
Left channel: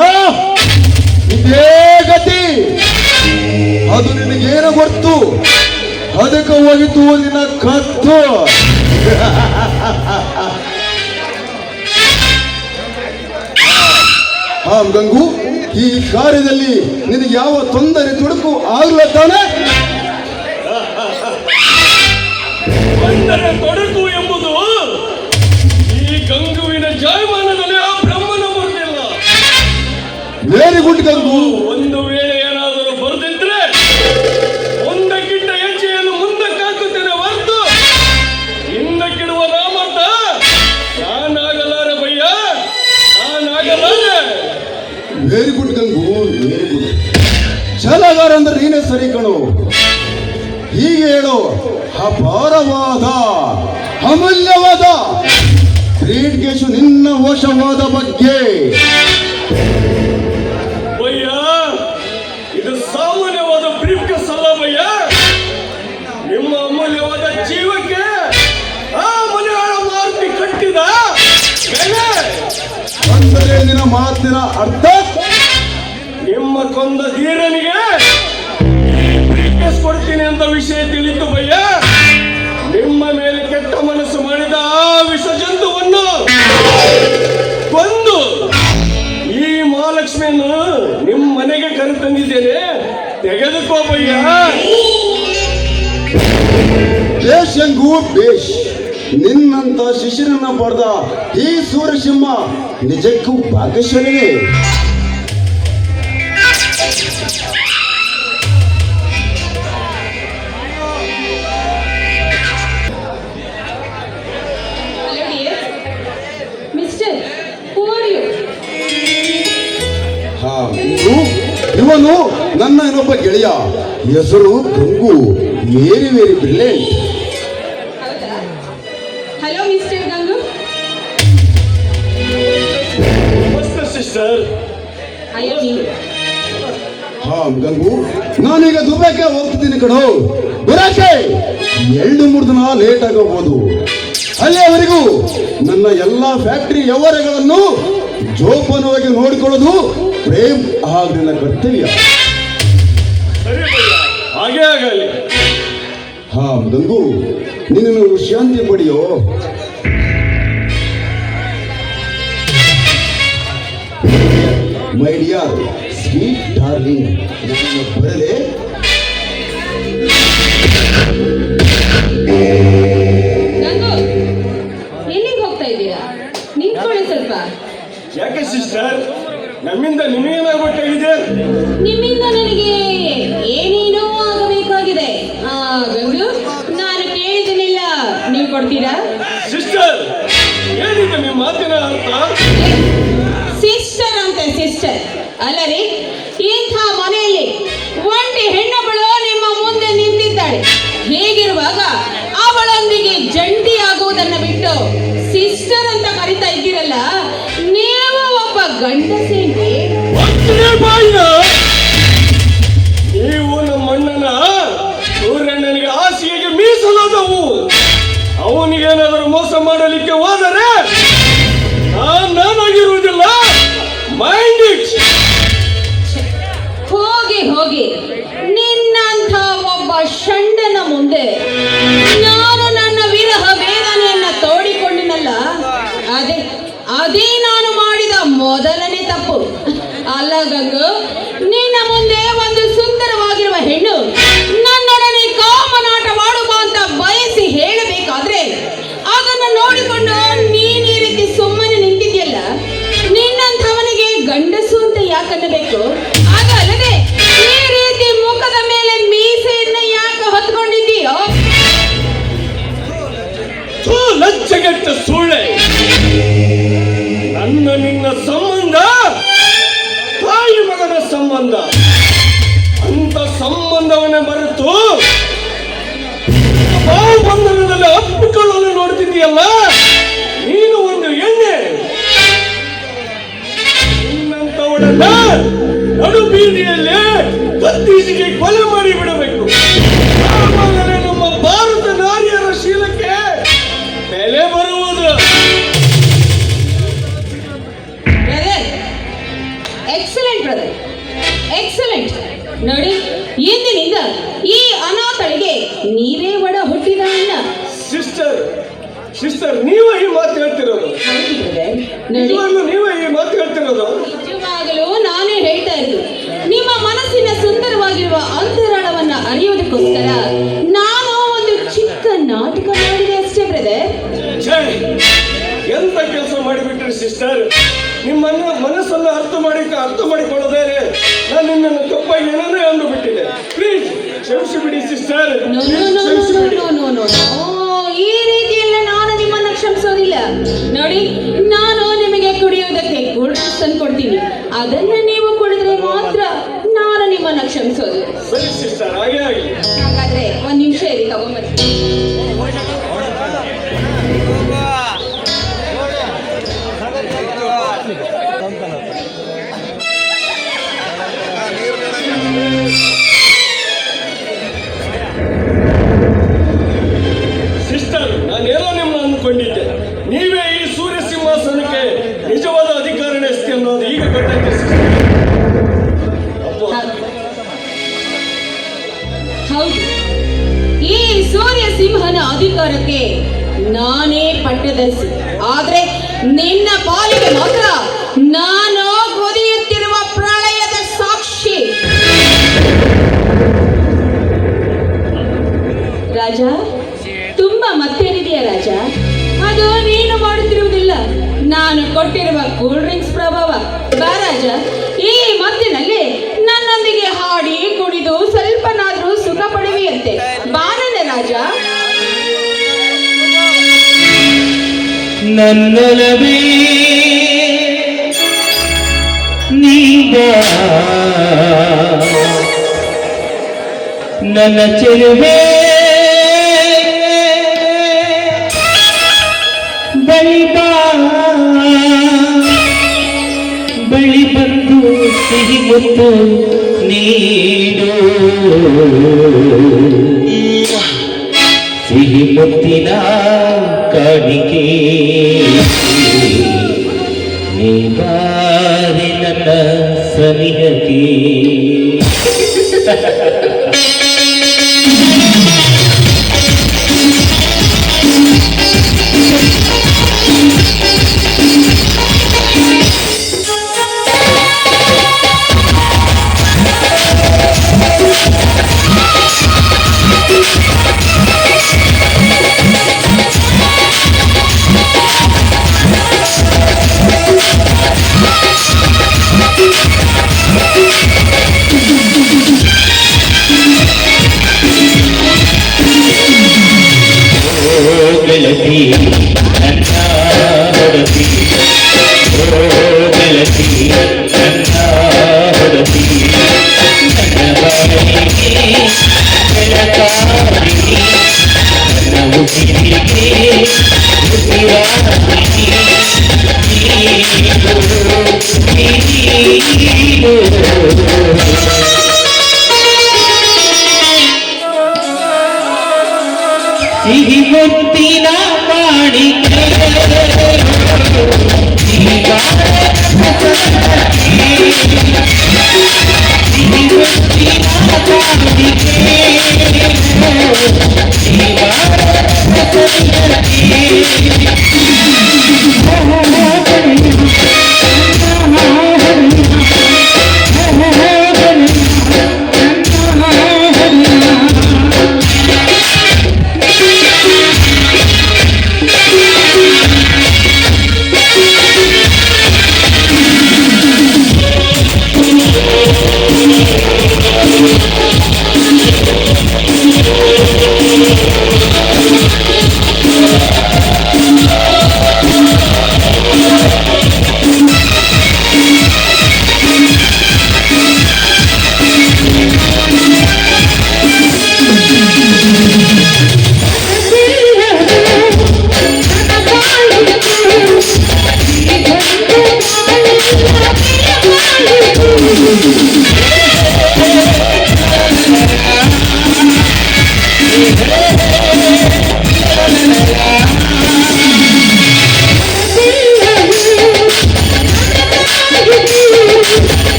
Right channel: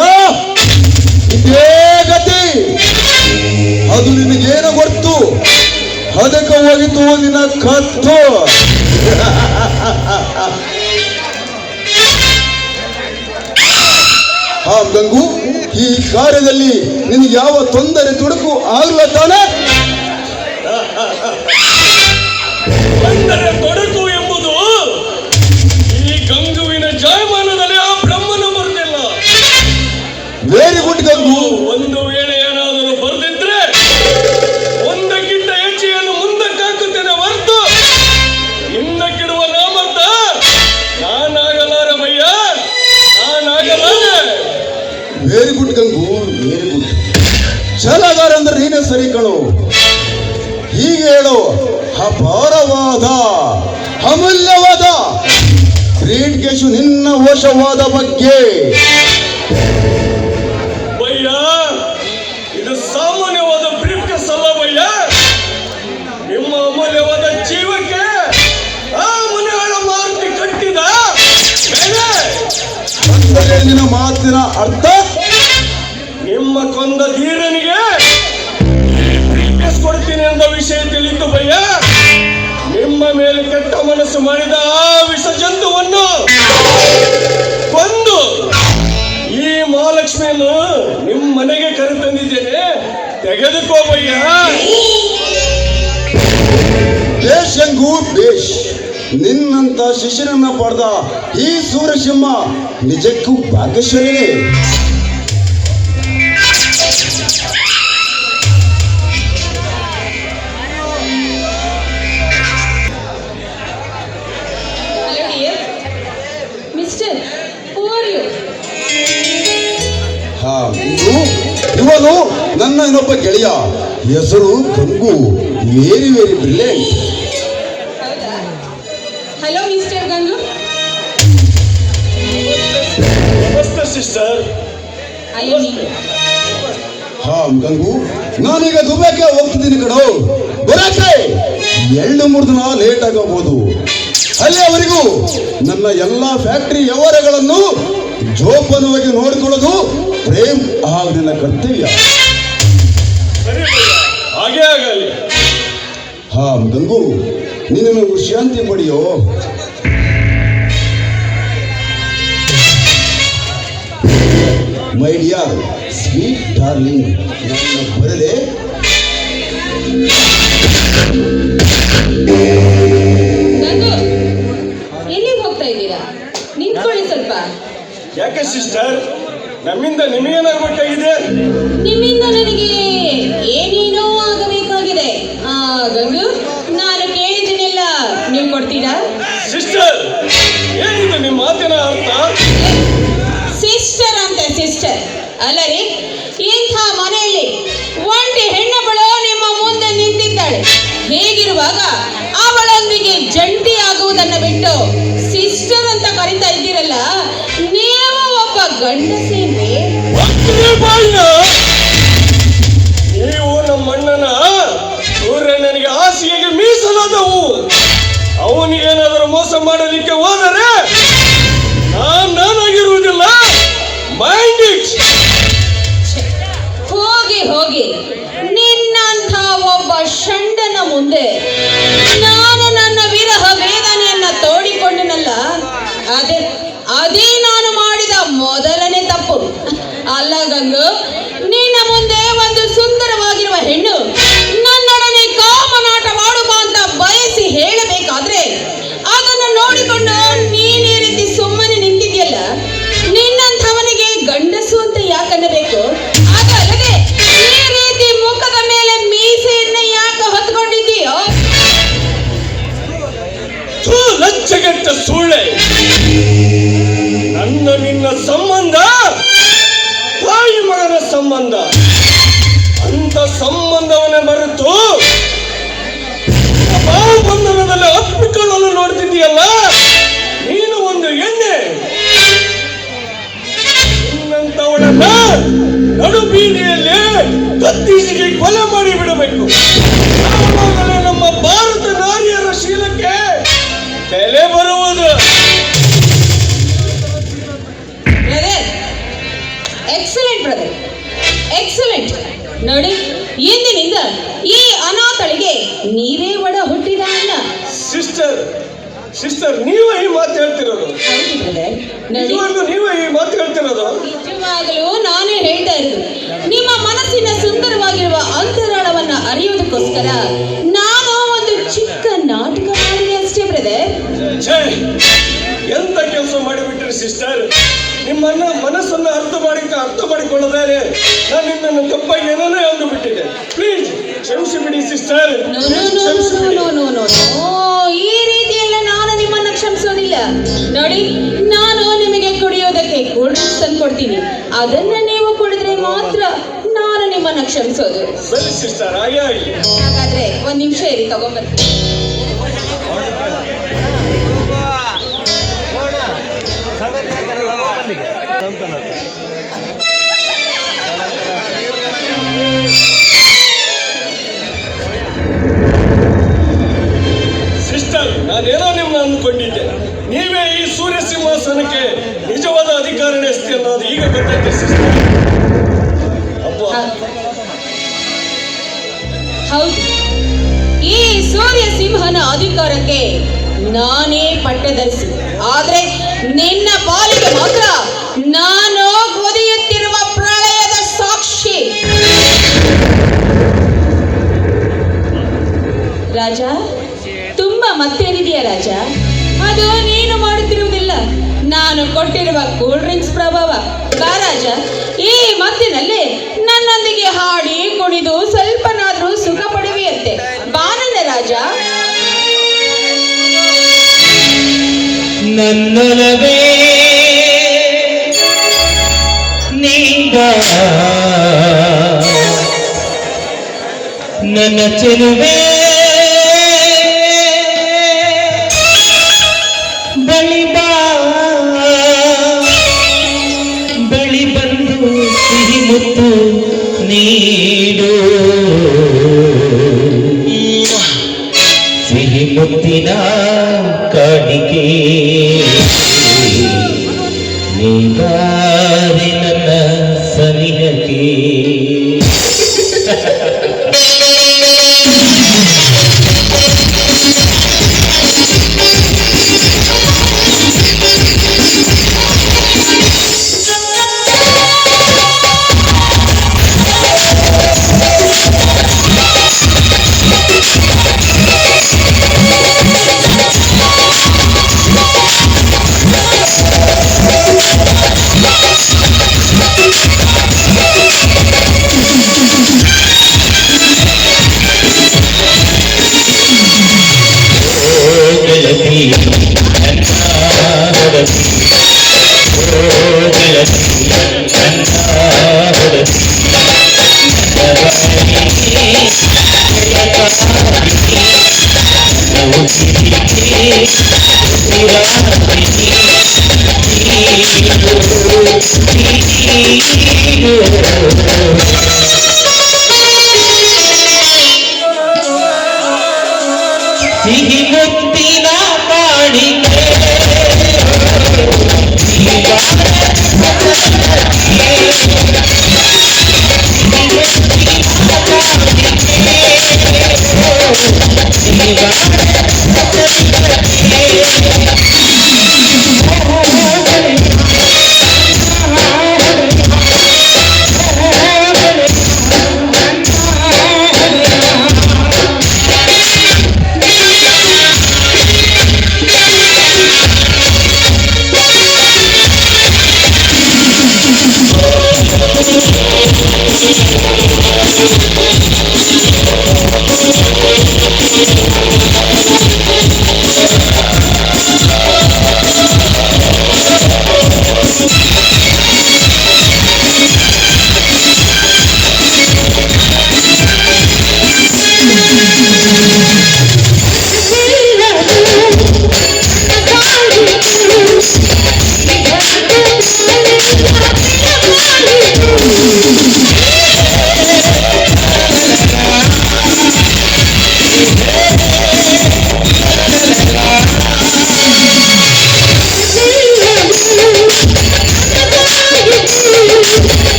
ಇದೇ ಗತಿ. ಅದು ನಿನಗೇನು ಗೊತ್ತು? ಅದಕ್ಕೆ ಹೋಗಿತು ನಿನ್ನ ಕತ್ತು. ಹಾ ಗಂಗು, ಈ ಕಾರ್ಯದಲ್ಲಿ ನಿನಗೆ ಯಾವ ತೊಂದರೆ ತೊಡಕು ಆಗಲ್ಲ ತಾನೆ? ಅಂದರೆ ತೊಡಕು ಎಂಬುದು ಈ ಗಂಗುವಿನ ಜಾಯಮಾನದಲ್ಲಿ ಆ ಬ್ರಹ್ಮನ ಬರುತ್ತಿಲ್ಲ. Very good Gangu. ಒಂದು ವೇಳೆ ಏನಾದರೂ ಬರೆದಿದ್ರೆ ಒಂದಕ್ಕಿಂತ ಹೆಚ್ಚಿಗೆಯನ್ನು ಮುಂದಕ್ಕೆ ಹಾಕುತ್ತೇನೆ ಹೊರತು ಹಿಂದಕ್ಕಿಡುವ ರಾಮರ್ಥ ನಾನಾಗಲಾರ ಭಯ್ಯ, ನಾನಾಗಲಾರೆ. Very good Gangu, very good. ಛಲಗಾರ ಅಂದ್ರೆ ನೀನೇ ಸರಿ ಕಣು. ಹೀಗೆ ಹೇಳು, ಅಪಾರವಾದ ಅಮೂಲ್ಯವಾದ ಬ್ರೀಡ್ಗೇಶು ನಿನ್ನ ವಶವಾದ ಬಗ್ಗೆ. ಭಯ್ಯ, ಇದು ಸಾಮಾನ್ಯವಾದ ಬ್ರೀಫ್ಕೇಸ್ ಅಲ್ಲ ಭಯ್ಯ. ನಿಮ್ಮ ಅಮೂಲ್ಯವಾದ ಜೀವಕ್ಕೆ ಆ ಮನೆಯಾಳ ಮಾರುತಿ ಕಟ್ಟಿದ ಬೆಲೆ. ಅಂದರೆ ನಿನ್ನ ಮಾತಿನ ಅರ್ಥ ನಿಮ್ಮ ಕೊಂದ ಧೀರನಿಗೆ ಬ್ರೀಫ್ಕೇಸ್ ಕೊಡ್ತೀನಿ ಎಂಬ ವಿಷಯ ತಿಳಿತು ಭಯ್ಯ. ನಿಮ್ಮ ಮೇಲೆ ಕೆಟ್ಟ ಮನಸ್ಸು ಮಾಡಿದ ಆ ವಿಷ ಜಂತುವನ್ನು ಕೊಂದು ಈ ಮಹಾಲಕ್ಷ್ಮಿಯನ್ನು ನಿಮ್ಮ ಮನೆಗೆ ಕರೆತಂದಿದ್ದೇನೆ, ತೆಗೆದುಕೋ ಭಯ್ಯ. ಬೇಷ್ ಗಂಗು, ಬೇಷ್. ನಿನ್ನಂತ ಶಿಶಿರನ್ನ ಪಡೆದ ಈ ಸೂರ್ಯಸಿಂಹ ನಿಜಕ್ಕೂ ಭಾಗ್ಯಶಾಲಿನೇ. Hello dear. Mister, who are you? ಹಾ, ಇವನು ನನ್ನ ಇನ್ನೊಬ್ಬ ಗೆಳೆಯ. ಹೆಸರು ಗಂಗು. Very very brilliant. ಹೌದಾ? Hello Mr. Gangu. ನಮಸ್ತೆ ಸಿಸ್ಟರ್. I am me. ಹಾ ಗಂಗು, ನಾನೀಗ ದುಬೈಗೆ ಹೋಗ್ತಿದ್ದೀನಿ ಕಣೋ. ಬರಕ್ಕೆ 2-3 ದಿನ ಲೇಟ್ ಆಗಬಹುದು. ಅಲ್ಲಿಯವರೆಗೂ ನನ್ನ ಎಲ್ಲ ಫ್ಯಾಕ್ಟರಿ ವ್ಯವಹಾರಗಳನ್ನು ಜೋಪಾನವಾಗಿ ನೋಡಿಕೊಳ್ಳೋದು ಪ್ರೇಮ್ ಹಾಗೂ ನಿನ್ನ ಕರ್ತವ್ಯ. ಸರಿ ಭಯ್ಯ, ಹಾಗೆ ಆಗಲಿ. ಹಾ ಗಂಗು, ನೀನು ಶಾಂತಿ ಪಡೆಯೋ. ಮೈ ಡಿಯರ್ ಸ್ವೀಟ್ ಡಾರ್ಲಿಂಗ್, ನನ್ನ ಬರಲೇ. ಗಂಗು, ಎಲ್ಲಿಗೆ ಹೋಗ್ತಾ ಇದ್ದೀರಾ? ನಿಂತ್ಕೊಳ್ಳಿ ಸ್ವಲ್ಪ. ಯಾಕೆ ಸಿಸ್ಟರ್, ನಮ್ಮಿಂದ ನಿಮಗೇನಾಗಬೇಕಾಗಿದೆ? ನಿಮ್ಮಿಂದ ನನಗೆ ಏನೇನೋ ಆಗಬೇಕಾಗಿದೆ. ಗಂಗು, ನಾನು ಕೇಳಿದ್ದೀನಿಲ್ಲ, ನೀವು ಕೊಡ್ತೀರಾ? ಸಿಸ್ಟರ್, ಏನಿದೆ ನಿಮ್ಮ ಮಾತಿನ ಅರ್ಥ? ಸಿಸ್ಟರ್ ಅಂತ ಸಿಸ್ಟರ್ ಅಲ್ಲ ರೀ. ಇಂಥ ಮನೆಯಲ್ಲಿ ಒಂಟಿ ಹೆಣ್ಣೊಬ್ಬಳು ನಿಮ್ಮ ಮುಂದೆ ನಿಂತಿದ್ದಾಳೆ. ಹೀಗಿರುವಾಗ ಅವಳೊಂದಿಗೆ ಜಂಟಿ ಆಗುವುದನ್ನು ಬಿಟ್ಟು ಸಿಸ್ಟರ್ ಅಂತ ಕರಿತಾ ಇದ್ದೀರಲ್ಲ, ನೀವು ಒಬ್ಬ ಗಂಡಸೇನೆ. ನೀವು ನಮ್ಮ ಅಣ್ಣನ ಸೂರ್ಯಣ್ಣನಿಗೆ ಹಾಸಿಗೆಗೆ ಮೀಸಲಾದವು. ಅವನಿಗೇನಾದರೂ ಮೋಸ ಮಾಡಲಿಕ್ಕೆ ಹೋದರೆ ನಾನಾಗಿರುವುದಿಲ್ಲ. Mind it. ಹೋಗಿ ಹೋಗಿ, ನಿನ್ನಂಥ ಒಬ್ಬ ಷಂಡನ ಮುಂದೆ ನಾನು ನನ್ನ ವಿರಹ ವೇದನೆಯನ್ನ ತೋಡಿಕೊಂಡನಲ್ಲ, ಅದೇ ನಾನು ಮಾಡಿದ ಮೊದಲನೇ ತಪ್ಪು. ಅಲ್ಲ ಗಂಗು, ನಿನ್ನ ಮುಂದೆ ಒಂದು ಸುಂದರವಾಗಿರುವ ಹೆಣ್ಣು ನನ್ನೊಡನೆ ಕಾಮನಾಟವಾಡುವ ಅಂತ ಬಯಸಿ ಹೇಳಬೇಕಾದ್ರೆ ಅದನ್ನು ನೋಡಿಕೊಂಡು ನೀನೇ ರೀತಿ ಸುಮ್ಮನೆ ನಿಂತಿದ್ಯಲ್ಲ. ನಿನ್ನಂಥವನಿಗೆ ಗಂಡಸು ಅಂತ ಯಾಕನ್ನಬೇಕು? ಅದಲ್ಲದೆ ಈ ರೀತಿ ಮುಖದ ಮೇಲೆ ಮೀಸೆಯನ್ನ ಯಾಕೆ ಹೊತ್ಕೊಂಡಿದ್ದೀಯೋ? ಲಜ್ಜೆಗೆಟ್ಟ ಸುಳ್ಳೆ. ನನ್ನ ನಿನ್ನ ಸಂಬಂಧ ತಾಯಿ ಮಗನ ಸಂಬಂಧ. ಅಂತ ಸಂಬಂಧವನ್ನೇ ಮರೆತು ತಾವು ಬಂಧನದಲ್ಲಿ ಅಪ್ಪಿಕೊಳ್ಳಲು ನೋಡ್ತಿದ್ದೀಯಲ್ಲ, ನೀನು ಒಂದು ಎಣ್ಣೆ. ನಿನ್ನಂತವಳನ್ನ ನಡು ಬೀದಿಯಲ್ಲಿ ಕತ್ತೀಸಿಗೆ ಕೊಲೆ ಮಾಡಿ ಬಿಡಬೇಕು. ಆವಾಗಲೇ ನಮ್ಮ ಭಾರತ ನಾರಿಯರ ಶೀಲಕ್ಕೆ ಬೆಲೆ ಬರುವುದು. Excellent brother, excellent. ನೋಡಿ, ಇಂದಿನಿಂದ ಈ ಅನಾಥಳಿಗೆ ನೀವೇ ಒಡ ಹುಟ್ಟಿದ ಅಣ್ಣ. ಸಿಸ್ಟರ್, ನೀವೇ ಈ ಮಾತು ಹೇಳ್ತಿರೋದು? ಹೌದು ಬ್ರದರ್. ನೋಡಿ, ನಿಜವಾಗ್ಲೂ ನೀವೇ ಈ ಮಾತು ಹೇಳ್ತಿರೋದು? ನಿಜವಾಗಲೂ ನಾನೇ ಹೇಳ್ತಾ ಸಿಸ್ಟರ್. ನಿಮ್ಮನ್ನ ಮನಸ್ಸನ್ನು ಅರ್ಥ ಮಾಡಿಕೊಳ್ಳದೆ ನಾನು ನಿನ್ನನ್ನು ತಪ್ಪಾಗಿ ಏನನ್ನೇ ಅಂದುಬಿಟ್ಟಿದೆ. ಪ್ಲೀಸ್ ಕ್ಷಮಿಸಿಬಿಡಿ sister. No, no, no, no, no, no, no. ಈ ರೀತಿಯೆಲ್ಲ ನಾನು ನಿಮ್ಮನ್ನ ಕ್ಷಮಿಸೋದಿಲ್ಲ. ನೋಡಿ, ನಾನು ನಿಮಗೆ ಕುಡಿಯೋದಕ್ಕೆ ಕೂಲ್ ಡ್ರಿಂಕ್ಸ್ ತಂದು ಕೊಡ್ತೀನಿ. ಅದನ್ನ ನೀವು ಕುಡಿದ್ರೆ ಮಾತ್ರ ನಾನು ನಿಮ್ಮನ್ನ ಕ್ಷಮಿಸೋದು. ಸರಿ ಸಿಸ್ಟರ್, ಹಾಗೆ ಆಗಲಿ. ಹಾಗಾದ್ರೆ ಒಂದ್ ನಿಮಿಷ ಇರಿ, ತಗೊಂಡ್ಬರ್ತೀನಿ. ಸಿಸ್ಟರ್, ನಾನೇನೋ ನಿಮ್ಮ ಅಂದ್ಕೊಂಡಿದ್ದೆ. ನೀವೇ ಈ ಸೂರ್ಯ ಸಿಂಹಾಸನಕ್ಕೆ ನಿಜವಾದ ಅಧಿಕಾರ ನಡೆಸ್ತಿ ಅನ್ನೋದು ಈಗ ಗೊತ್ತಾಯ್ತು ಸಿಸ್ಟರ್. ಹೌದು, ಈ ಸೂರ್ಯ ಸಿಂಹನ ಅಧಿಕಾರಕ್ಕೆ ನಾನೇ ಪಟ್ಟದರ್ಶಿ. ಆದ್ರೆ ನಿನ್ನ ಪಾಲಿಗೆ ಮಾತ್ರ ನಾನು ಕುದಿಯುತ್ತಿರುವ ಪ್ರಳಯದ ಸಾಕ್ಷಿ. ರಾಜ, ತುಂಬಾ ಮತ್ತೇನಿದೆಯಾ ರಾಜ? ಅದು ನೀನು ಮಾಡುತ್ತಿರುವುದಿಲ್ಲ, ನಾನು ಕೊಟ್ಟಿರುವ ಕೂಲ್ ಡ್ರಿಂಕ್ಸ್ ಪ್ರಭಾವ. ಬಾ ರಾಜ, ಈ ಮತ್ತಿನಲ್ಲಿ ನನ್ನೊಂದಿಗೆ ಹಾಡಿ ಕುಣಿದು ಸ್ವಲ್ಪನಾದ್ರೂ ಸುಖ ಪಡುವಿಯಂತೆ. ಬಾನನ ರಾಜ. ನನ್ನೊಲವೇ ನೀಬಾ, ನನ್ನ ಚೆಲುವೆ ಬಳಿ ಬಾ, ಬಳಿ ಬಂದು ಸಿಹಿ ಮುತ್ತು ನೀಡು, ಸಿಹಿ ಮುತ್ತಿನ ಕಾಣಿಕೆ ನೀವಾರೆ ನನ್ನ ಸನಿಹಕ್ಕೆ. ಗೆಳತಿ ನನ್ನ ಹೊಡತಿ, ಓ ಗೆಳತಿ ನನ್ನ ಹೊಡತಿ, ಸಿಹಿ ಮುತ್ತಿನ ಕಾಣಿಕೆ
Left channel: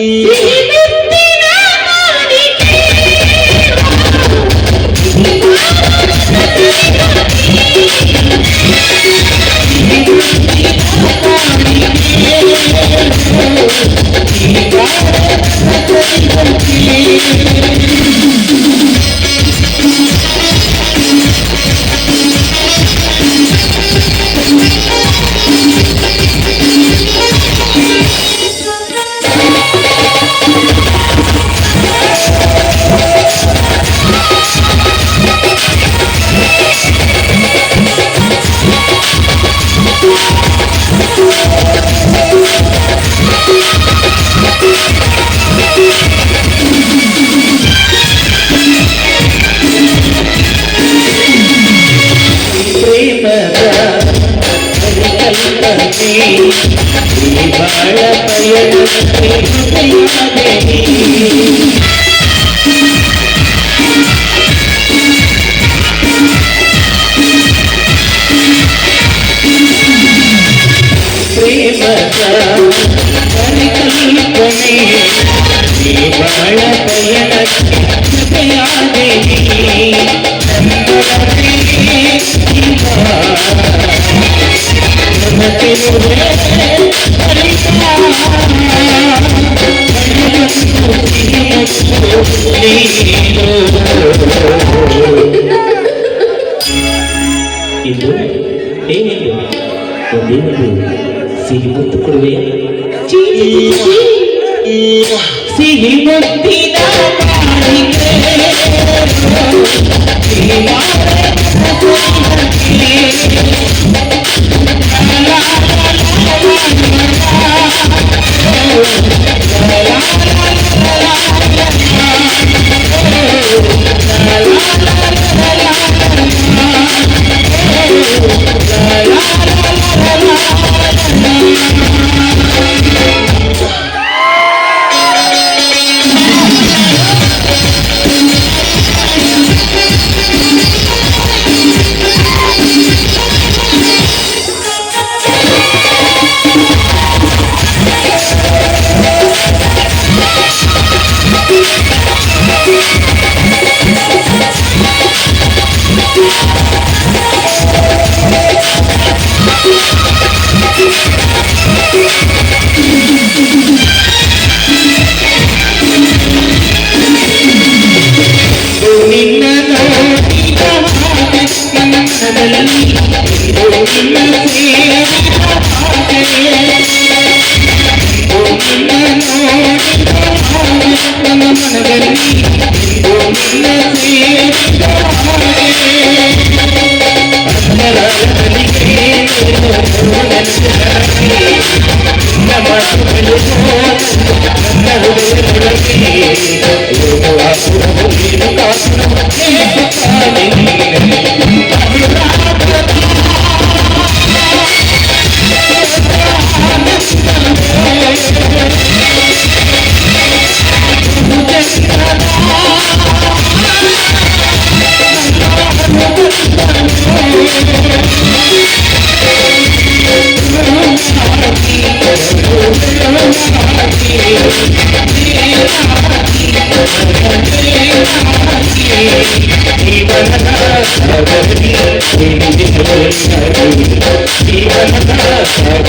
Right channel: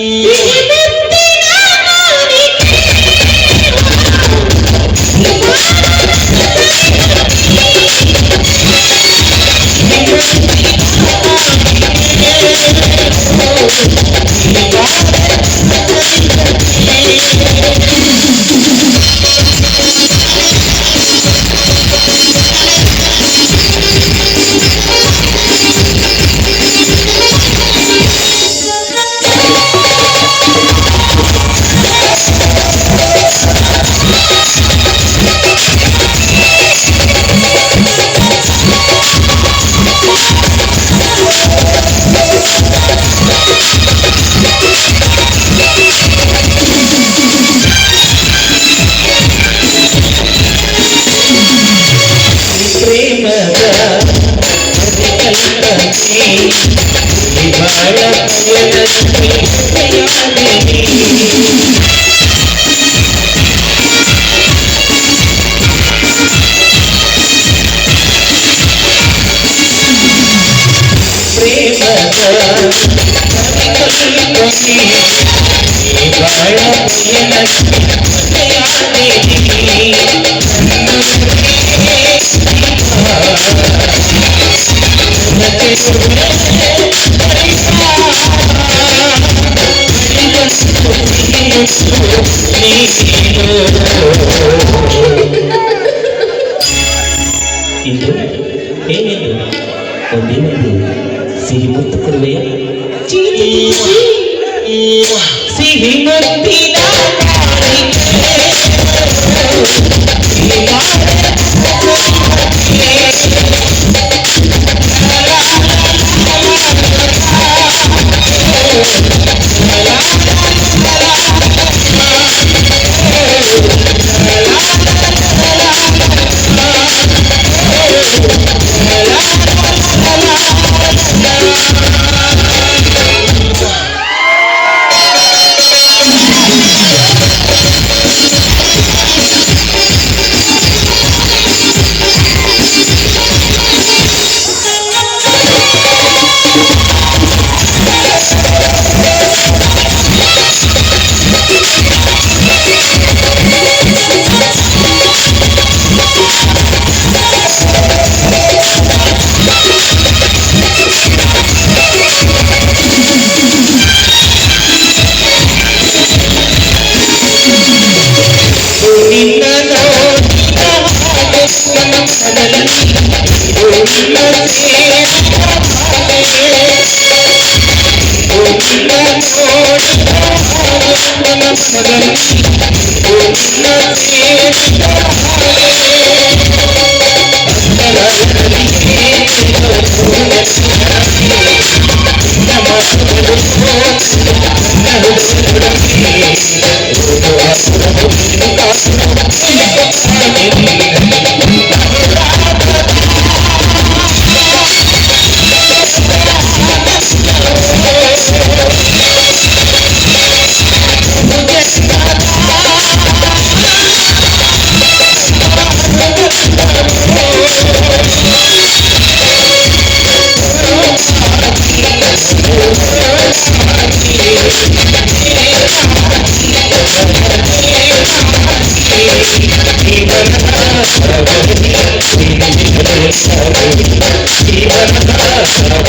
ಸಿಹಿ ಮುತ್ತಿನ ಕಾಣಿಕೆ. ಇದು ಏನಿದು ಒಂದೇನದು ಸಿಹಿ ಮುತ್ತು ಕೊಡುವೆಯ ಸಿಹಿ ಮುತ್ತಿನ ಜೀವನ